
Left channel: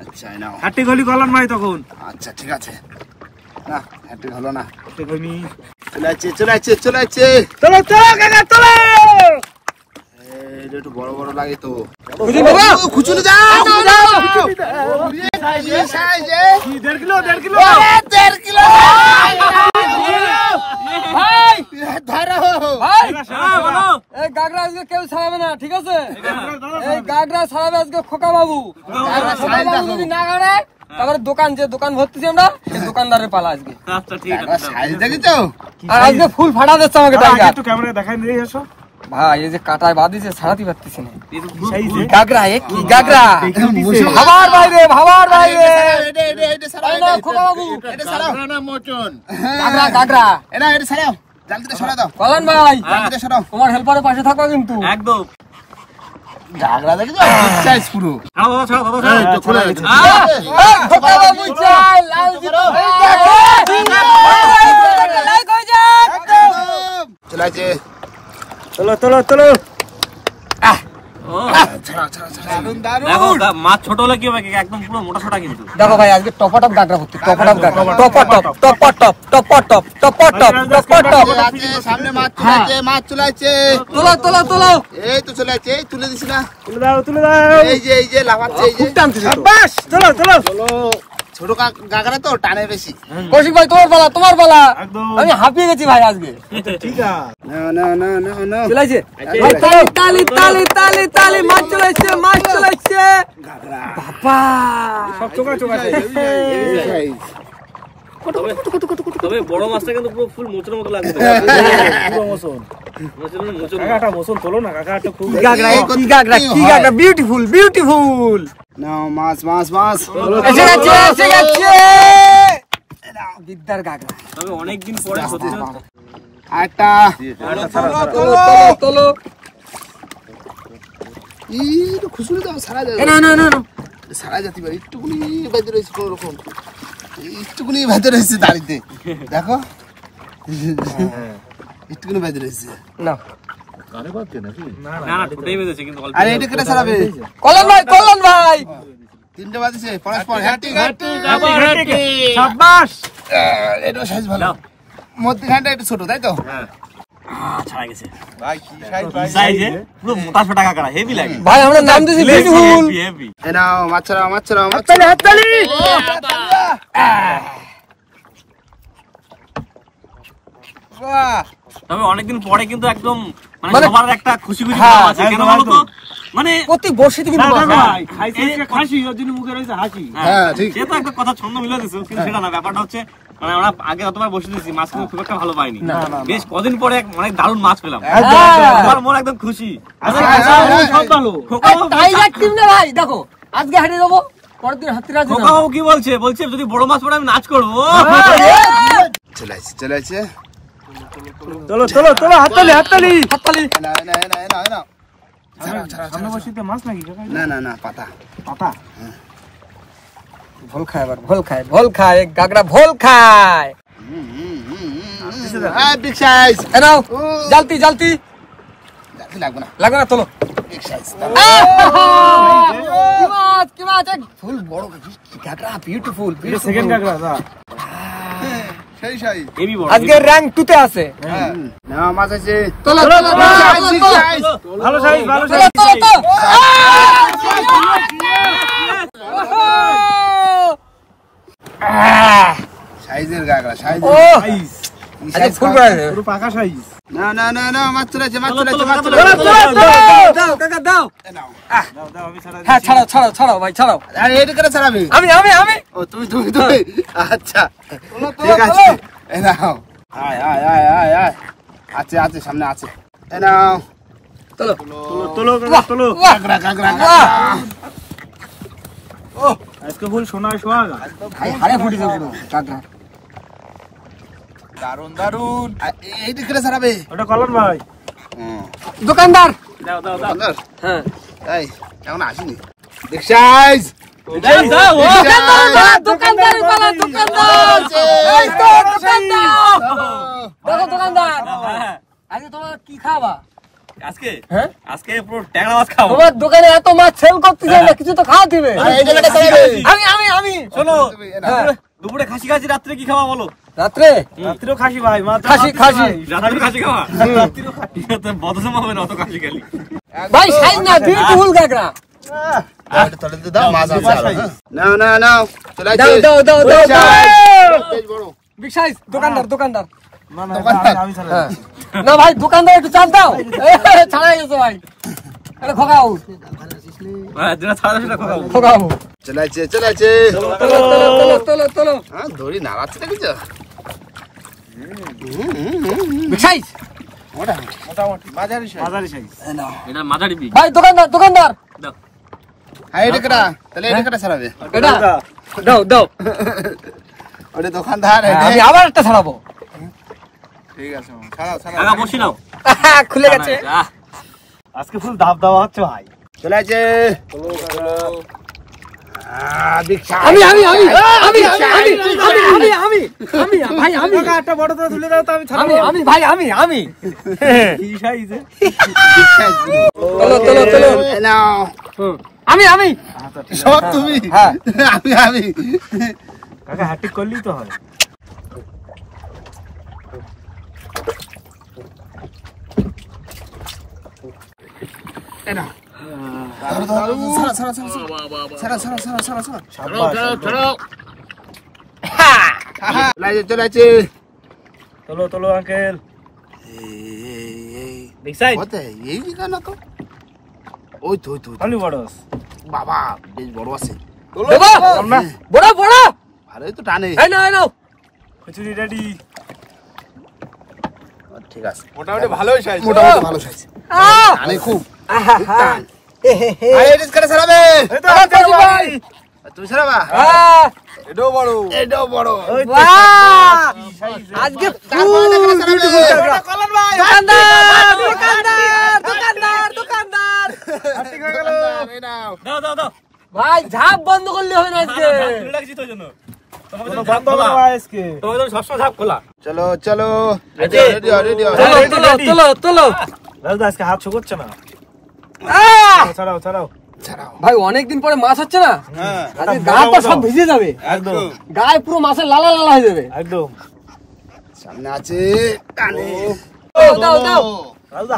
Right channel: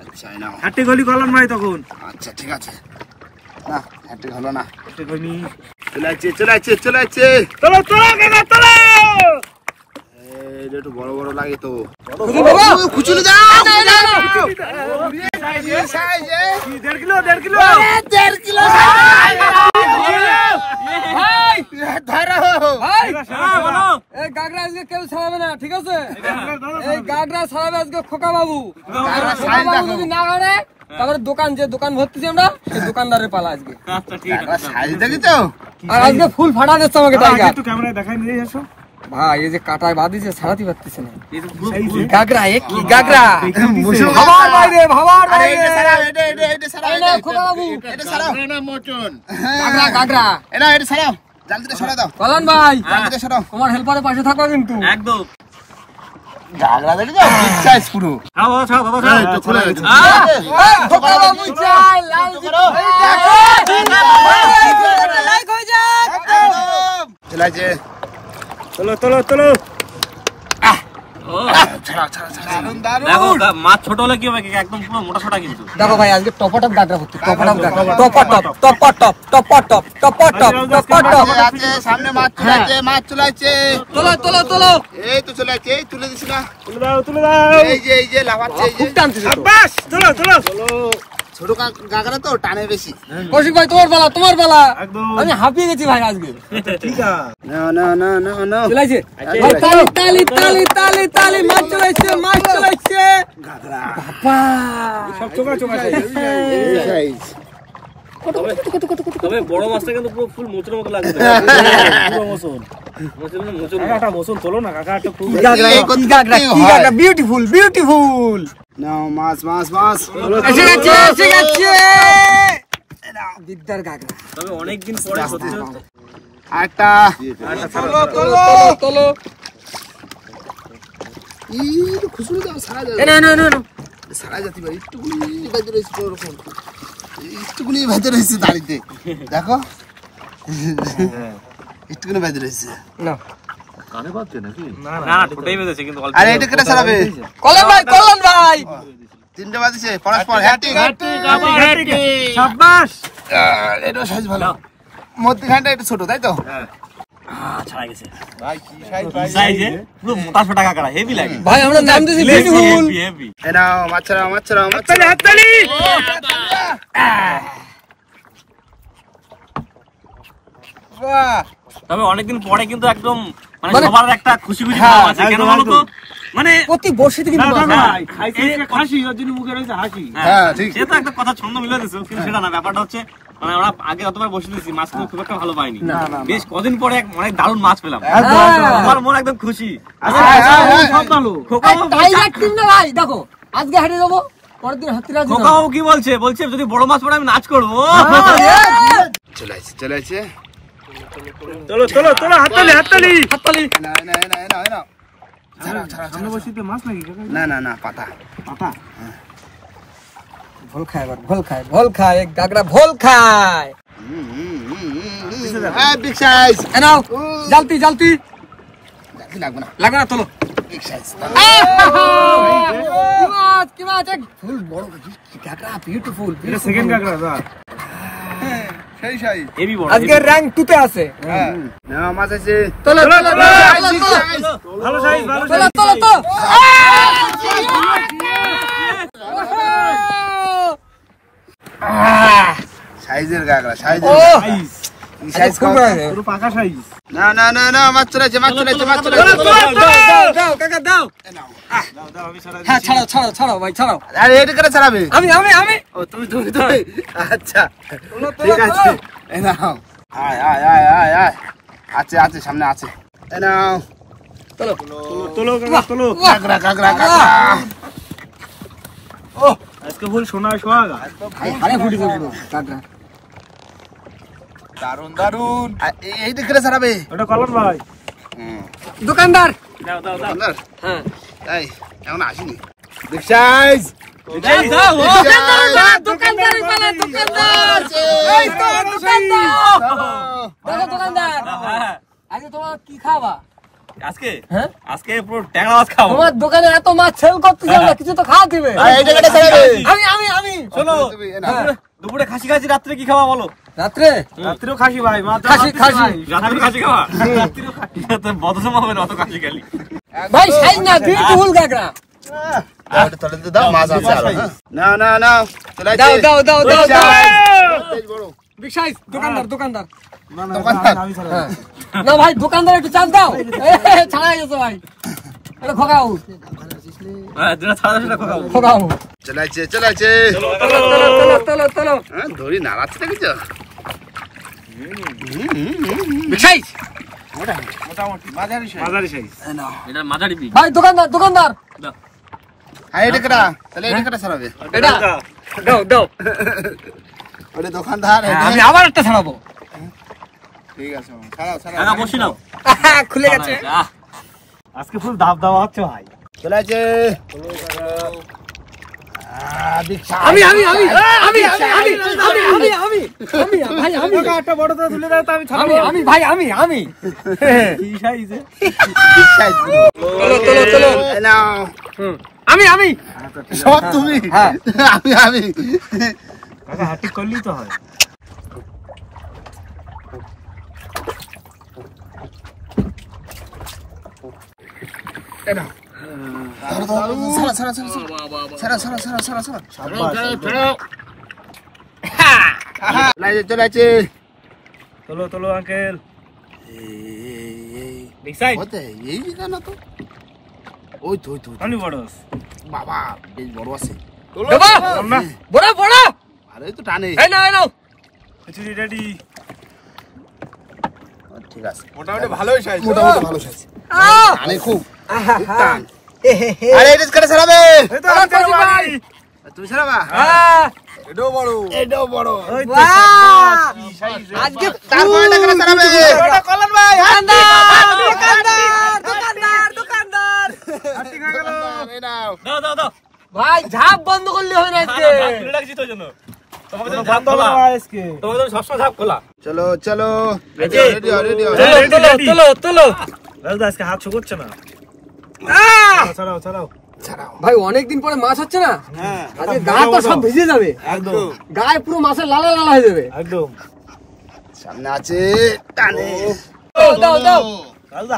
আচ্ছা নাও। হাটি গলি গলন ভাই তখন। আচ্ছা ঠিক আছে। না হাঁটি হলো না। হাটি গলি। চলে আছে চলে আছে চলে আছে। চলো চলো কাকা চলো। এই যে একটু বড় বড় লাগে তো। খুঁজুন বাবা। খুচুলে যাও। সাইজে 1.5 কিলো 1.5 কিলো। 1.5 কিলো। ভাই, ধরো। ভাই। হ্যাঁ বলো। এই গাগরা আজকে কেউ ছাড়াবে না, ঠিক আছে? এই গাগরা ছাড়াবে আজকে খোকা বাবু। খোকা বাবু যদি না ছাড়ে, তারপরে দোকান যে দোকান ভর্তি আমরা, সেই দোকানদারের পালা আজকে। আচ্ছা ঠিক কাকড়া আছে। সাইজ দেখেছো? আর আজকে ফুল ফাটা দিচ্ছে আমাকে আগে টাইগার। একটু ক্যামেরায় দেখাই দিয়ে এসো। ভাই এই যে কাটায় বাঁধিছে, ছাড়াতে পারতেছে না। এই তো সাইজে। গাগরা এ কি গাগরা? ভাবার বাইরে ভাবার আরে বাইরে। এটা ছাড়াও, এটা ছাড়াও, এই নাও খোকা বাবু। এটা ছাড়াও। গাগরা গাগরা। এটা ছাড়াও। জালতিটা সরা দাও। কল্যাণ ভাই, জালতিটা সরাও। তোমার হেল্পারের পাশে থাকো কিন্তু। একদম। গাগরা দেখেছো? বিগ সাইজ পুরো। ছাড়ো বাবা, ছাড়ো বাবা, ছাড়ো। এই তো খুলে গেছে। খোকা বাবু চাই লাইক করো। এই দেখো। লাইক হয়ে যাক। চলে আছে। চলো চলো চলো। ছাড়াও ছাড়াও ছাড়াও। দারুন দেখো দারুন। মাছ ছোট হলে কি হবে, একদম পুরো মোটা সোটা কিন্তু। দেখো ভাই আজকে টপাটপ গাগরা ভর্তি, টপাটপ গাগরা, টপাটপ টপাটপ টপাটপ টপাটপ টপাটপ। আছে সামনে মাছ চলে আছে, মাছ চলে আছে। তোলো তোলো তোলো। এই তো চলে আছে, এই তুলে দিছি না। তুলে দাও তুলে দাও। এই যে লাফাচ্ছে এই যে। বাস চলো চলো। ছোট গাগরা তো টানে বেশি। কৌশিক ভাই তোমার পালা, তোমার পালা। একদম। আমি হাঁপিয়ে গেছি ভাই আজকে। ঠিক আছে। না না না না না। চলেছে ভাই, তালি তালি তালি তালি তালি, মাছ চলেছে মাছ চলেছে। গাগরা। বাবা সব চোখা চোখা সাইজ। তবে বড় মাছটা কিন্তু পুরো ফুল মোচের মতো লাগছে। পুরো মোচন। মোচন মানে মোচন। কাকা মোচন তোলো না কাকা, একটা খুব গাগরা কি গাগরা কি গাগরা, বিউটিফুল বিউটিফুল। নাও মাছ মাছ মাছ। এসে গেছে এসে গেছে। বিদ্যার গাগরা। তবে অনেকদিন পরে সত্যি আরেকটা তোলো খুশি দাও সারা যাবে সারা যেতে পারে একটুকুনি বাজে রয়েছে কোনো রকম একটুকুনি বাজে রয়েছে দাড়িতে দেখো একটুকুনি বাজে রয়েছে না কানে বাজছে নাকি? না না ঠোঁটেই বেজেছে কিন্তু অল্প। আরে এটা কেটে সারাবে কলন ভাই তিনটে বাজেছে পরস্পর হ্যাটি শাবাশ। এটা সাইজ ভালো মধ্যখানটা একটু ছোট তাই তো ছাড়া গেছে ভাই কি সাইজ ভাই সাইজে পুরো মোটা সোটা কাকড়া হেভি লাগে ভাই আমরা নাম দিয়েছি বিউটিফুল। হেভি এই নাও মাছরা হাততালি বাহ তবে অনেকদিন পরে কিন্তু একদম মানে মানে- সবার একটা খুশি খুশি ভাব আছে কেন বলো তো মানে প্রতি বর্ষিতে কিন্তু খাসি ওর জন্য মুখে রয়েছে হাসি হ্যাঁ ঠিক সে তো একটা কথা ছন্দ মিলে দিছো কিন্তু সেটা না ব্যাপারটা হচ্ছে মানে আমরা আগে অতবার বসে দিয়েছি মাছ কিন্তু খুব একটা ভালো পাইনি বেশ কদিন পরে অনেক দারুণ মাছ পেলাম আমার মন একদম খুশি টাইগার টিম না ভাই দেখো আজকে হাঁটে যাবো পরের দিন হাতিরা খোকাও কি বলছে বলছে যদি বড় মাছ পড়ে আমি নাচ করবো চলে আসছে চলো চলো চলো হাততালি হাততালি না না পাতা ভোল খায় আবার ভোল খায় গাগরা ভোল খায় বিগ সাইজ এনাও জলতি লাগবে না লাগা না তোলো বিগ সাইজ কি মাছ এক ফুল বড় গাগরা বিউটিফুল সেকেন্ড কাকড়া সেই সাইজ হেভি বড় আজকে র‍্যাঙ্ক 2 তে আছে হ্যাঁ না মাছ আছে তোলো ভালো সাইজ সাইজের গাগরা সাইজ ও সাইজ ফুল বড় পুরো পাকা সাইজ না মাছ চলেছে দাও কাকা দাও দাও আমি সারা হ্যাঁ ছাড়াও ভাই ছাড়াও আরে এটা করে ছাড়াবে আমি ও তুমি আচ্ছা ঠিক আছে এই নাও আয় আছে সামনে আছে এই নাও তোলো কাকড়া ও আজকে ফুল সোনা সোহাগা আরে ফুটি গেল কাকড়া দারুন এইটা করে ছাড়াবে ওটা কলন ভাই দোকানদার দাও হ্যাঁ এই এখন আসিনি বিগ সাইজ দোকানদার আজকে তোমরা কি খাবা আজকে হ্যাঁ আজকে পুরো ট্যাংরা মাছ খাবো তোমার দোকানে এত মাছ সেল করতেছ না কিছু তো খাওয়া দিবে আমি শোনো হ্যাঁ। দুপুরে খাসি রাত্রে কি খাওয়া বলো রাত্রেও খাসি ভাই খাসি রাত্রে খাসি খাওয়া রাত্রেও খাসি বদসম হবে না অত খাসি খেলি ভাই সাইজ না বিউটিফুল গাগরা এটা তলে দাও মাছ আছে আর না চলে দাও বেশ বড় বিগ সাইজ দোকানদার দোকানদার হ্যাঁ। না ভাই দোকানদার একটু চাল দাও ছাড়াই গেছে ভাই এটা খোকাও হ্যাঁ যেটা ছাড়া সেটা খাওয়া খোকাও চলে আছে তোলো হ্যাঁ ধরি নাড়াচ্ছে নাকি তো বিগ সাইজ মোটামুটি মাঝারি সাইজ মাঝারি সাইজ এটা মাঝারি বিগ ভাই দোকানদার দাও হ্যাঁ এটা কেটা তাহলে এটা কেটা ছাড়াবে এটা দাও ওটা দোকানদার আমি আবার একটা ছাড়াবো ঠিক আছে ছাড়াও আগা বসি নাও খুলে গেছে আজকে ফুল দাব দেওয়া হচ্ছে ভাই চলে আছে আমি একটা বড় তো তুলে দাও তো আমি ছাড়াবো আমি কি সাইজে তোলো নাও আমি সব তুমি হ্যাঁ আমি কাকা হাতি করলেই তো হয় চলে আছে তোলো আঙ্কেল বিগ সাইজ এই কেন তো ওই তো অনেক বড় বাবা বেশ বড় আছে বড় আরে তো টানে এই নাও কচুরি রেডি ঠিক আছে মোটামুটি ভালোই সাইজ মোটামুটি ভালো সাইজ টানে খুব টান আরে এটা করে ছাড়াবে তুমি ছাড়াবা? হ্যাঁ এটাও বড়। বাহ! আজকে তারপরে দেখে ছাড়াবে। দোকানদার এই নাও। দাও দাও দাও ভাই ঝাপ বন্ধ করলে হবে না আজকে খুলে রাখছি তোর জন্য তোমাকে তো ঝাপ খোলা তোমাকে তো সবসময় ঝাপ খোলা চলো চলো রেডি রেডি তোলো আজকে হাত শুকোচ্ছে না ছাড়াও ভাই অনেকদিন পরে মাছ হচ্ছে না আজকে গাটা সব ভিজে যাবে একদম গায়ে পুরো মাছের লালা লালা হয়ে যাবে একদম সামনে আছে টানে দাও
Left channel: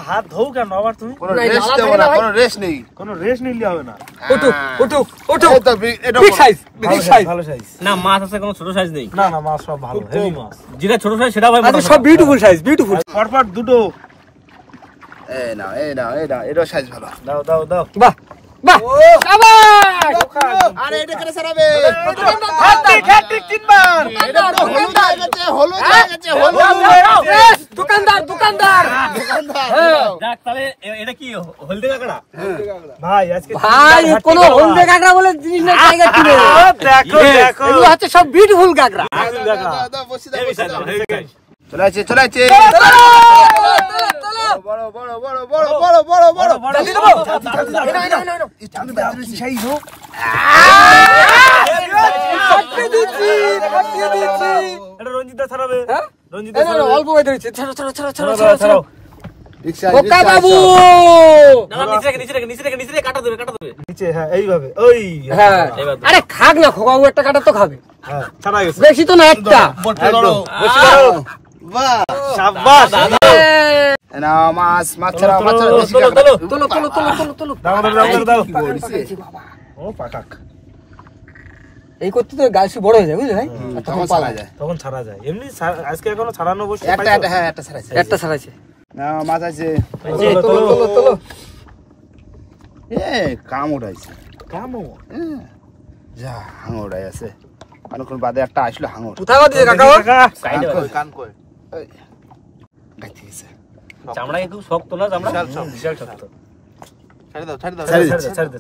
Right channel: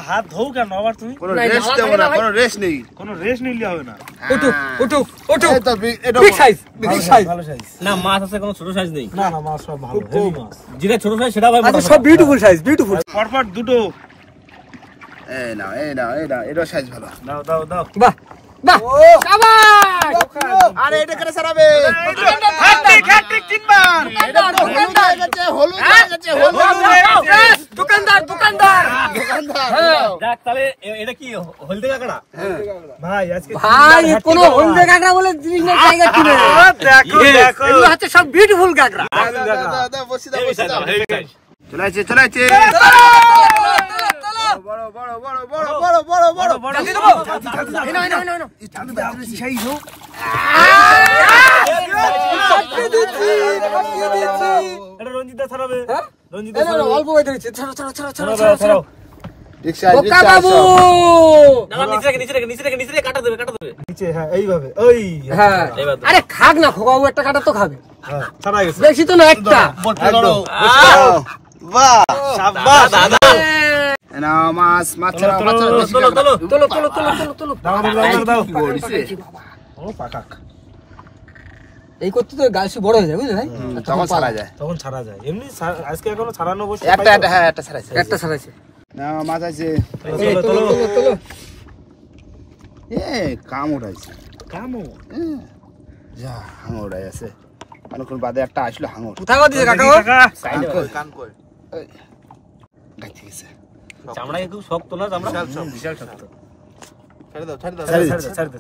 হাত ধৌ কেন আবার তুমি কোনো না, রেস্ট লালা নেই থাকে না না, ভাই। কোনো রেস্ট নেই কোনো রেস্ট নিলে হবে না উঠুক এই তো এটা বিগ সাইজ বিগ সাইজ ভালো সাইজ না মাছ আছে কোনো ছোট সাইজ নেই না না মাছ সব ভালো হেভি মাছ যেটা ছোট সাইজ সেটা ভাই আজকে সব বিউটিফুল সাইজ বিউটিফুল পরপর দুটো এই না এটা সাইজ ভালো দাও বাহ বাহ শাবাশ আরে এটা কেন ছাড়াবে হ্যাট্রিক তিনবার এটা তো হলুদ হয়ে গেছে দোকানদার দোকানদার দেখ তাহলে এটা কি হলদে কাকড়া ভাই আজকে ভাই কোনো হলদে কাঁকড়া বলে জিনিস না জায়গা কিনে দেখো এগুলো হচ্ছে সব বিউটিফুল কাঁকড়া দাও বসি দাও হেভি সাইজ হেভি সাইজ চলাইছে বড় এটা রঞ্জিতা ছাড়াবে হ্যাঁ? রঞ্জিতা এই না, না, ছাড়াবে অল্প হয়ে ধরেছে ছাড়ো ছাড়াও বোকা বাবু না নিচে রেখে কাটা দেবে নিচে হ্যাঁ এইভাবে ওই হ্যাঁ এইবার দাও। আরে খাক না খোকা বাবু একটা কাটা তো খাবে হ্যাঁ ছাড়া গেছে বেশি তো না একটা সাবাস দাদা মাছ ছাড়া তোলো দাও ও পাকাক এই করতে তো গাছ বড় হয়ে যায় বুঝলি ভাই আর তখন তখন পালা ছাড়া যায় যায় তখন ছাড়া যায় এমনি আজকে এখনো ছাড়ানো বসে একটা ছাড়াইছে একটা ছাড়াইছে না মাছ আছে তোলো কাম উঠাইছে কামো যা হাঙর উঠাই আছে অনেকক্ষণ বাদে একটা আসলো হাঙর কোথায় দিছে কাকা গাইতে গেছে চামড়া খুব শক্ত না চামড়া বিশাল শক্ত ছাড়ে দাও ছাড় দে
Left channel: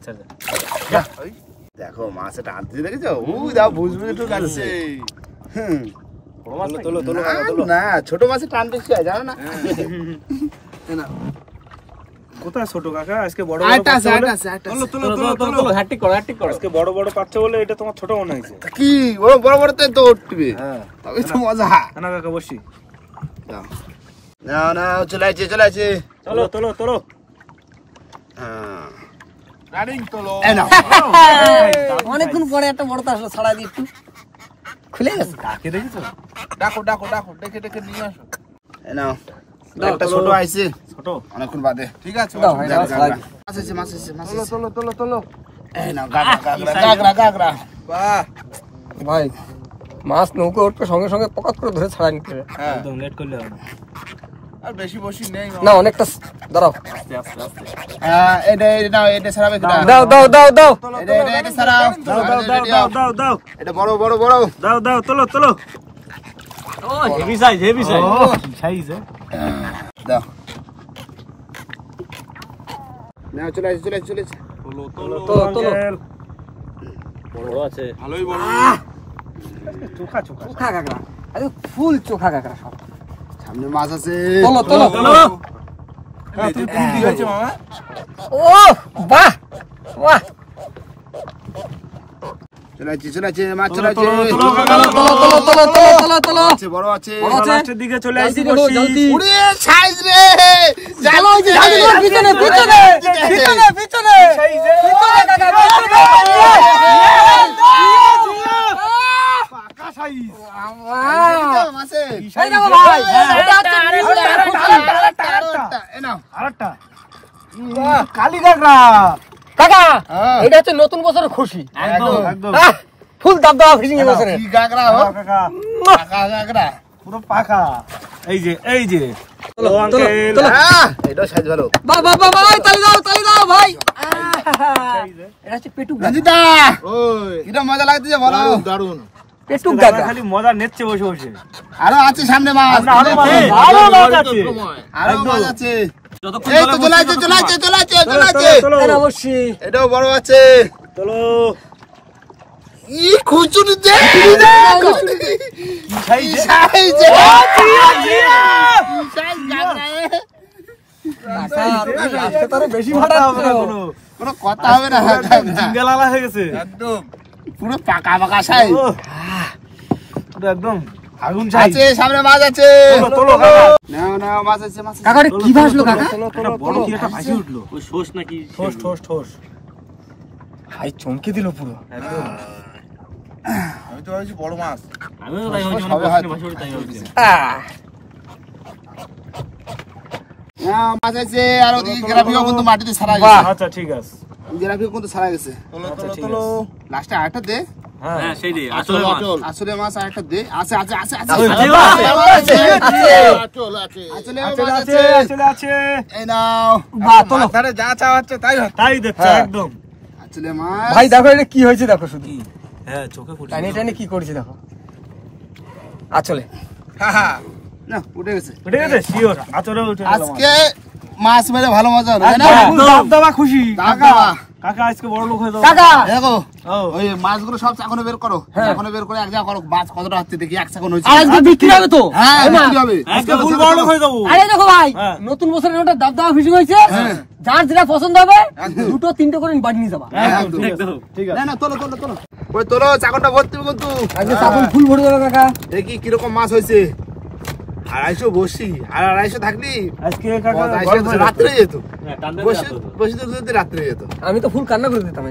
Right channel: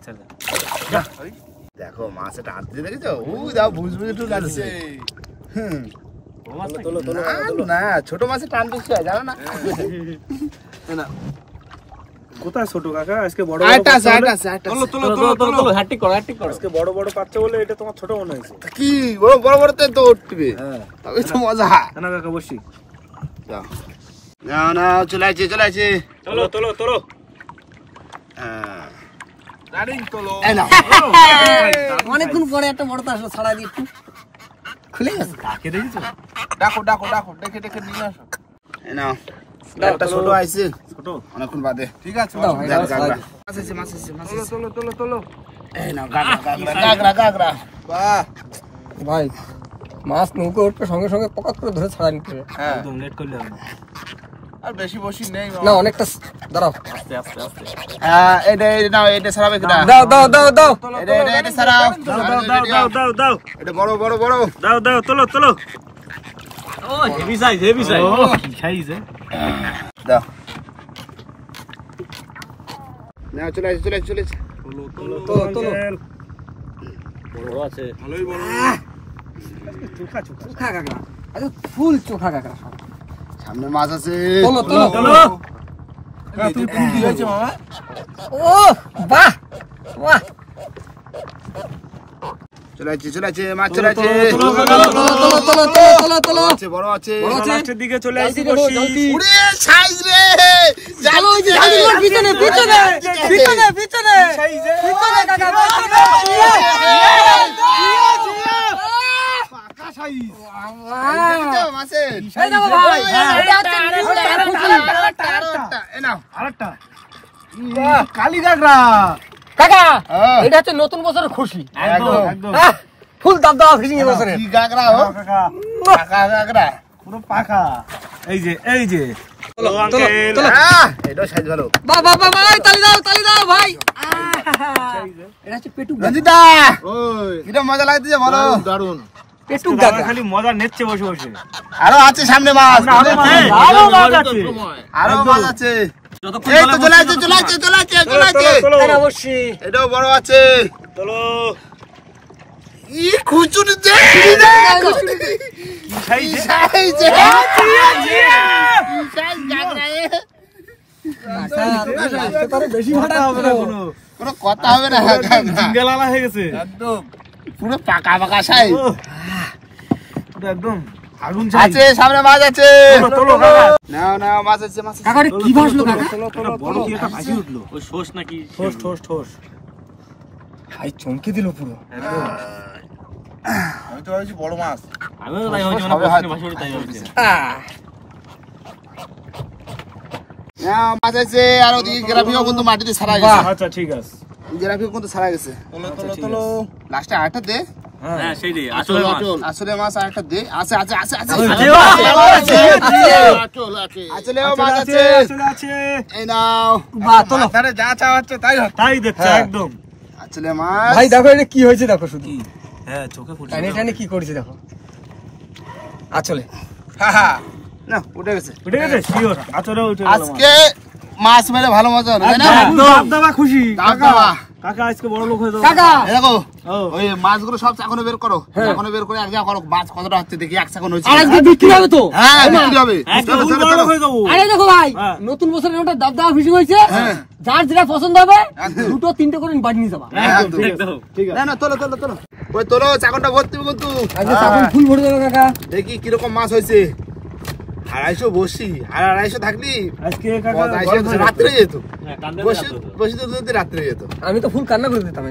দেখো মাছ এটা আনতে দেখেছো দাও বুঝবে একটু লাগছে না ছোট মাছে টান বেশি হয় জানো না কোথায় ছোট কাকা আজকে বড় আরেকটা আছে হ্যাটিক করো আজকে বড় পাচ্ছে বলে এটা তোমার ছোট মনে হয়েছে কি বড় বড় তো উঠবে হ্যাঁ তবে তো মজা না কাকা বসি না চলে আছে তোলো এই নাও অনেকক্ষণ পরে একটা বড় তো আসলো ছাড়া দিয়ে একটু খুলে গেছে ডাকে দেখেছো ডাকো ডেকে নিয়ে আসো এই নাও একটা ছোট আইছে ছোট অনেকক্ষণ বাদে ঠিক আছে দাও, ভাই, দাও, ছাড়া দিই। মাছ আছে তোলো এই নাও গাগরা বাহ ভাই মাছ নৌকো উঠবে সঙ্গে সঙ্গে পকাত করে ধরে ছাড়া নিতে হবে হ্যাঁ একদম লেট করলে হবে না আর বেশি বসি নেই না অনেকটা দাঁড়াও আস্তে হ্যাঁ এটা ছাড়াবে কিনা দাও এটা ছাড়াও দাও এটা বড় দাও তোলো ও হেভি সাইজ সাইজ দাও না চলে তোলো বড় আছে চোখা চোখা কাঁকড়া আরে ফুল চোখা কাঁকড়া সব সামনে মাছ আছে তোলো তুমি কি হয়েছে মামা ও বাহ চলে আছে মাছ চলে আছে তোলো আছে বড় আছে লাস্টের দিকে চলে আসি জলদি বসি জলদি উড়ে সাইজ রে পিছনে পাকা সাইজ মাছে এই দেখো ভাই এটা এই নাও আরেকটা কালি কাকড়া কাকা হ্যাঁ। এটা হচ্ছে নতুন বছরের খুশি একদম ফুল দাবদাবা ফিশিং এর বছরে কি গাগরা হো কাকা পাকা গাগরা পুরো পাকা এই যে তোলো এটা সাইজ ভালো ভাই তালি দাও ভাই এটা হচ্ছে পেটুক রঞ্জিতা ওই এটা মজা লাগতেছে ভালো দারুন পেটুক কাকা দাদা খালি মজা নেচ্ছে বসে আরো আছে সামনে মাছ আরো মাছ আছে আরো মাছ আছে যতক্ষণ এই তো চলে আছে এটা অবশ্যই এটাও বড় আছে চলো ই খুচুরি দে বেশি ভাটা হবে না কোনো কথা হবে না জিঙ্গালালা হয়ে গেছে একদম পুরো পাকা পাকা সাইজ একদম আগুন আছে সামনে মাছ আছে তোলো নাও নাও মাছ আছে মাছ কাকা কি ভাসলো কাকা বড় কি একটা ভাসি উঠলো ওই শোষ নাকি ঠোস ভাই চমকে দিল পুরো আমি তো ভাবছি বড় মাছ আমিও তো তাই ভাবছি মানে বসনে ভাসি তাই ভাবছি নাও মাছ আছে আর ওদিকে গ্রাফিও কিন্তু মাটিতে ছাড়া গেছে আচ্ছা ঠিক আছে গ্রাফিও কিন্তু ছাড়া গেছে তোলো লাস্টে আরেকটা দে হ্যাঁ সেই দে আসলে মাছ আসলে মাছ আরেকটা দে আছে আছে আছে আছে আসলে মাছ আছে চলে আছে এই নাও বাহ তোলো আরে যা চা হচ্ছে তাই তাই দেখছো একদম আসলে মাছ ভাই দেখো এটা কি হয়েছে দেখো শুধু হ্যাঁ চোখে পড়ছে টানে টানে কি করছে দেখো আচলে না উঠে গেছে উঠে গেছে শিওর আচরে উঠে গেল আজকে মাছ মেরে ভালো মজা হবে তাই না দাদা খুশি কাকা কাকা আজকে বড় লোক হয়ে যাবে কাকা দেখো ও ওই মাছগুলো সব চাকনে বের করো চাকনে বের করে এক জায়গা করো মাছ কতটা হচ্ছে দেখি এক চাকন হয়েছে আর আজকে বিক্রি হবে তো হ্যাঁ বিক্রি হবে আজকে ফুল বড় লোক হয়ে যাবো আরে দেখো ভাই হ্যাঁ। নতুন বছরের ওটা দাবদাবা ফিশিং হয়েছে যার যেটা পছন্দ হবে দুটো তিনটে করে বাড়ি নিয়ে যাবা একদম। একদম ঠিক আছে না না তোলো তোলো তোলো ওই তোলো চাকনটা ভর্তি হবে কিন্তু আজকে চাকন ফুল ভরে দেবে কাকা দেখি কিরকম মাছ হয়েছে 250 বসি আর 250 থাকলি আজকে কাকা রাত্রে যেত কান্দে বসি বসি তো রাত্রে যেত আমি তো ফুল কান্না করে দিতাম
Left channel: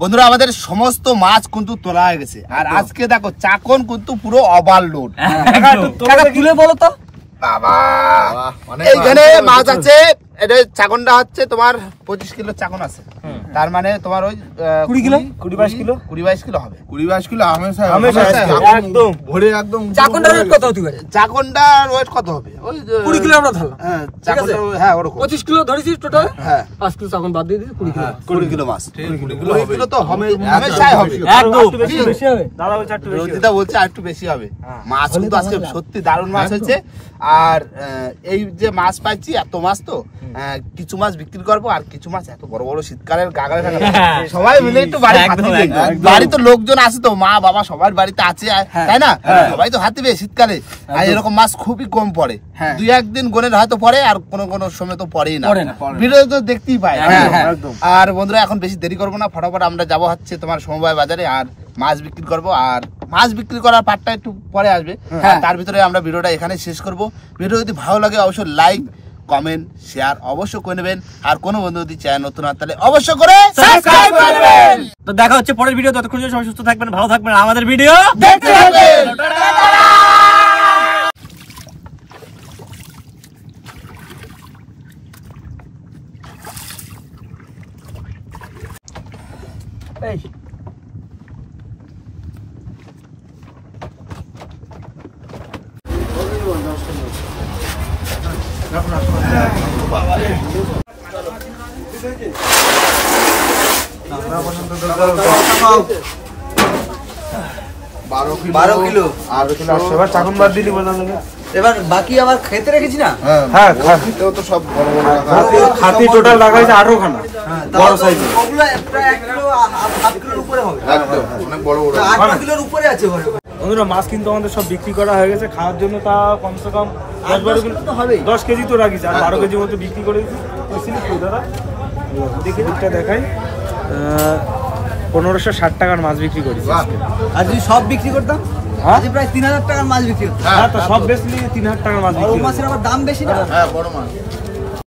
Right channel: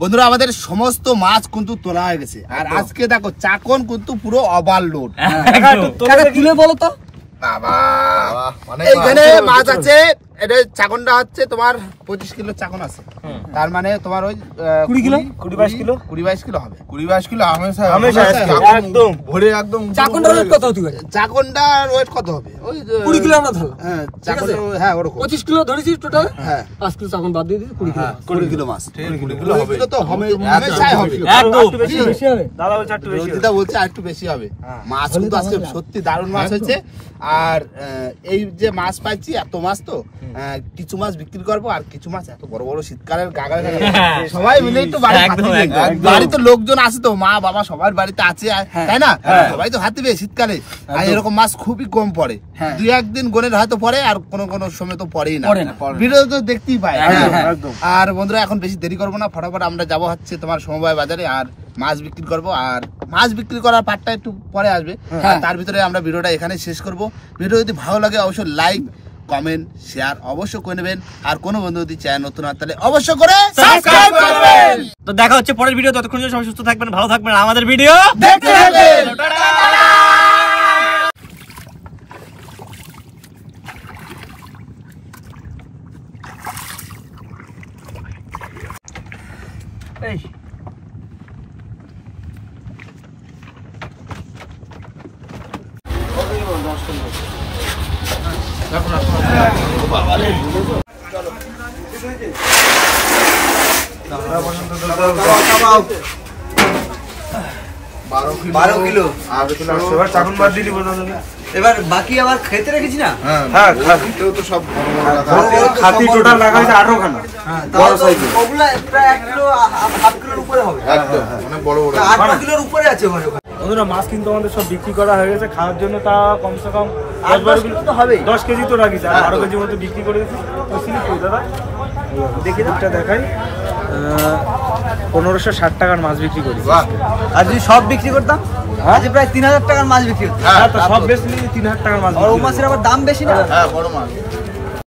বন্ধুরা আমাদের সমস্ত মাছ কিন্তু তোলা হয়ে গেছে আর আজকে দেখো চাকন কিন্তু পুরো ওভারলোড কাকা তুলে বলো তো বাবা এইখানে মাছ আছে এটা চাকনটা হচ্ছে তোমার 25 কিলো চাকন আছে তার মানে তোমার ওই 20 কিলো 22 কিলো 20-22 কিলো হবে 20-22 কিলো হামেশা হামেশা একদম ভরে একদম চাকনটার রেট কত হতে পারে চাকনটার ওয়েট কত হবে ওই 20 কিলো আমরা ধরলাম হ্যাঁ চাকনটা হ্যাঁ ওরকম 25 কিলো ধরেছি টোটাল হ্যাঁ 5 কিলো চাকন বাদ দিয়ে দিয়েছি 20 কিলো 20 কিলো মাছ 20 কিলো তো হবে হামেশাই হবে একদম বেশি বেশি হবে দাদা বলছে একটু বেশি রোজিদা বলছে আর একটু বেশি হবে মাছ কিন্তু আজকে সত্যি দারুণ মাছ হয়েছে আর এই যে মাছ পাইছি এত মাছ তো কিছু মাছ বিক্রি করবো আর কিছু মাছ এত বড় বড় শীতকালের গাগায় সবাই মিলে একটু বাড়ি বাড়ি তো লোকজন আছে তো মা বাবা সবার বাড়িতে আছে তাই না সবাই তো হাতিবে শীতকালে আর এরকম মাছ খুবই কম পড়ে দুই একদিন গনের হয়তো পড়ে আর কোনো কোনো সময় তো পড়েই না ভিডিও তো দেখতেই পাই আর বন্ধুরা এখন বেশি দেরি করবো না ফটাফট আমরা যাবো হচ্ছে তোমার সমবায় বাজারে আর মাছ বিক্রি করব আর মাছ বিক্রি করার পার্টটা একটু পরে আসবে তার ভিতরে আমরা ভিডিওটা এখানে শেষ করব ভিডিও যদি ভালো লাগে অবশ্যই লাইক কমেন্ট শেয়ার অবশ্যই করে নেবেন আর কোনো বন্ধু যদি চ্যানেল নতুন হয় তাহলে অবশ্যই করে সাবস্ক্রাইব করবেন তো দেখা হচ্ছে পরের ভিডিও ততক্ষণ সবাই সুস্থ থাকবেন ভালো থাকবেন আমাদের ভিডিও দেখতে থাকবেন এই চাকন বাদ দিলি এবার বাকি আবার খেতে রেখেছি না হ্যাঁ খাতিতেও তো সব বড় বড় রাখা খাতি টোটাল লাগাইছে 18 খানা বড় সাইজের ওগুলা প্রায় 1 কিলো হাফ কিলোর উপরে হবে একদম অনেক বড় বড় 8 কিলোর উপরে আছে ওখানে বন্ধুরা মাছ কিন্তু আমাদের সব বিক্রি করা হয়ে গেছে খাওয়ার জন্য তা কমসে কম 10 কিলো তো হবেই 10 কেজি তো রাখিস আর 12 কেজি মতো বিক্রি করে দিচ্ছি তো সিলিপ কই দাদা দেখি দুধটা দেখাই 1560 টাকার মাছ বিক্রি করি আর যদি সব বিক্রি করতাম হ্যাঁ আজ প্রায় 3000 টাকার মাছ বিক্রি হতো হ্যাঁ তো সব বেশি 3000 টাকার মাছ আর বিক্রি ও মাছের আবার দাম বেশি না হ্যাঁ বড় মাছ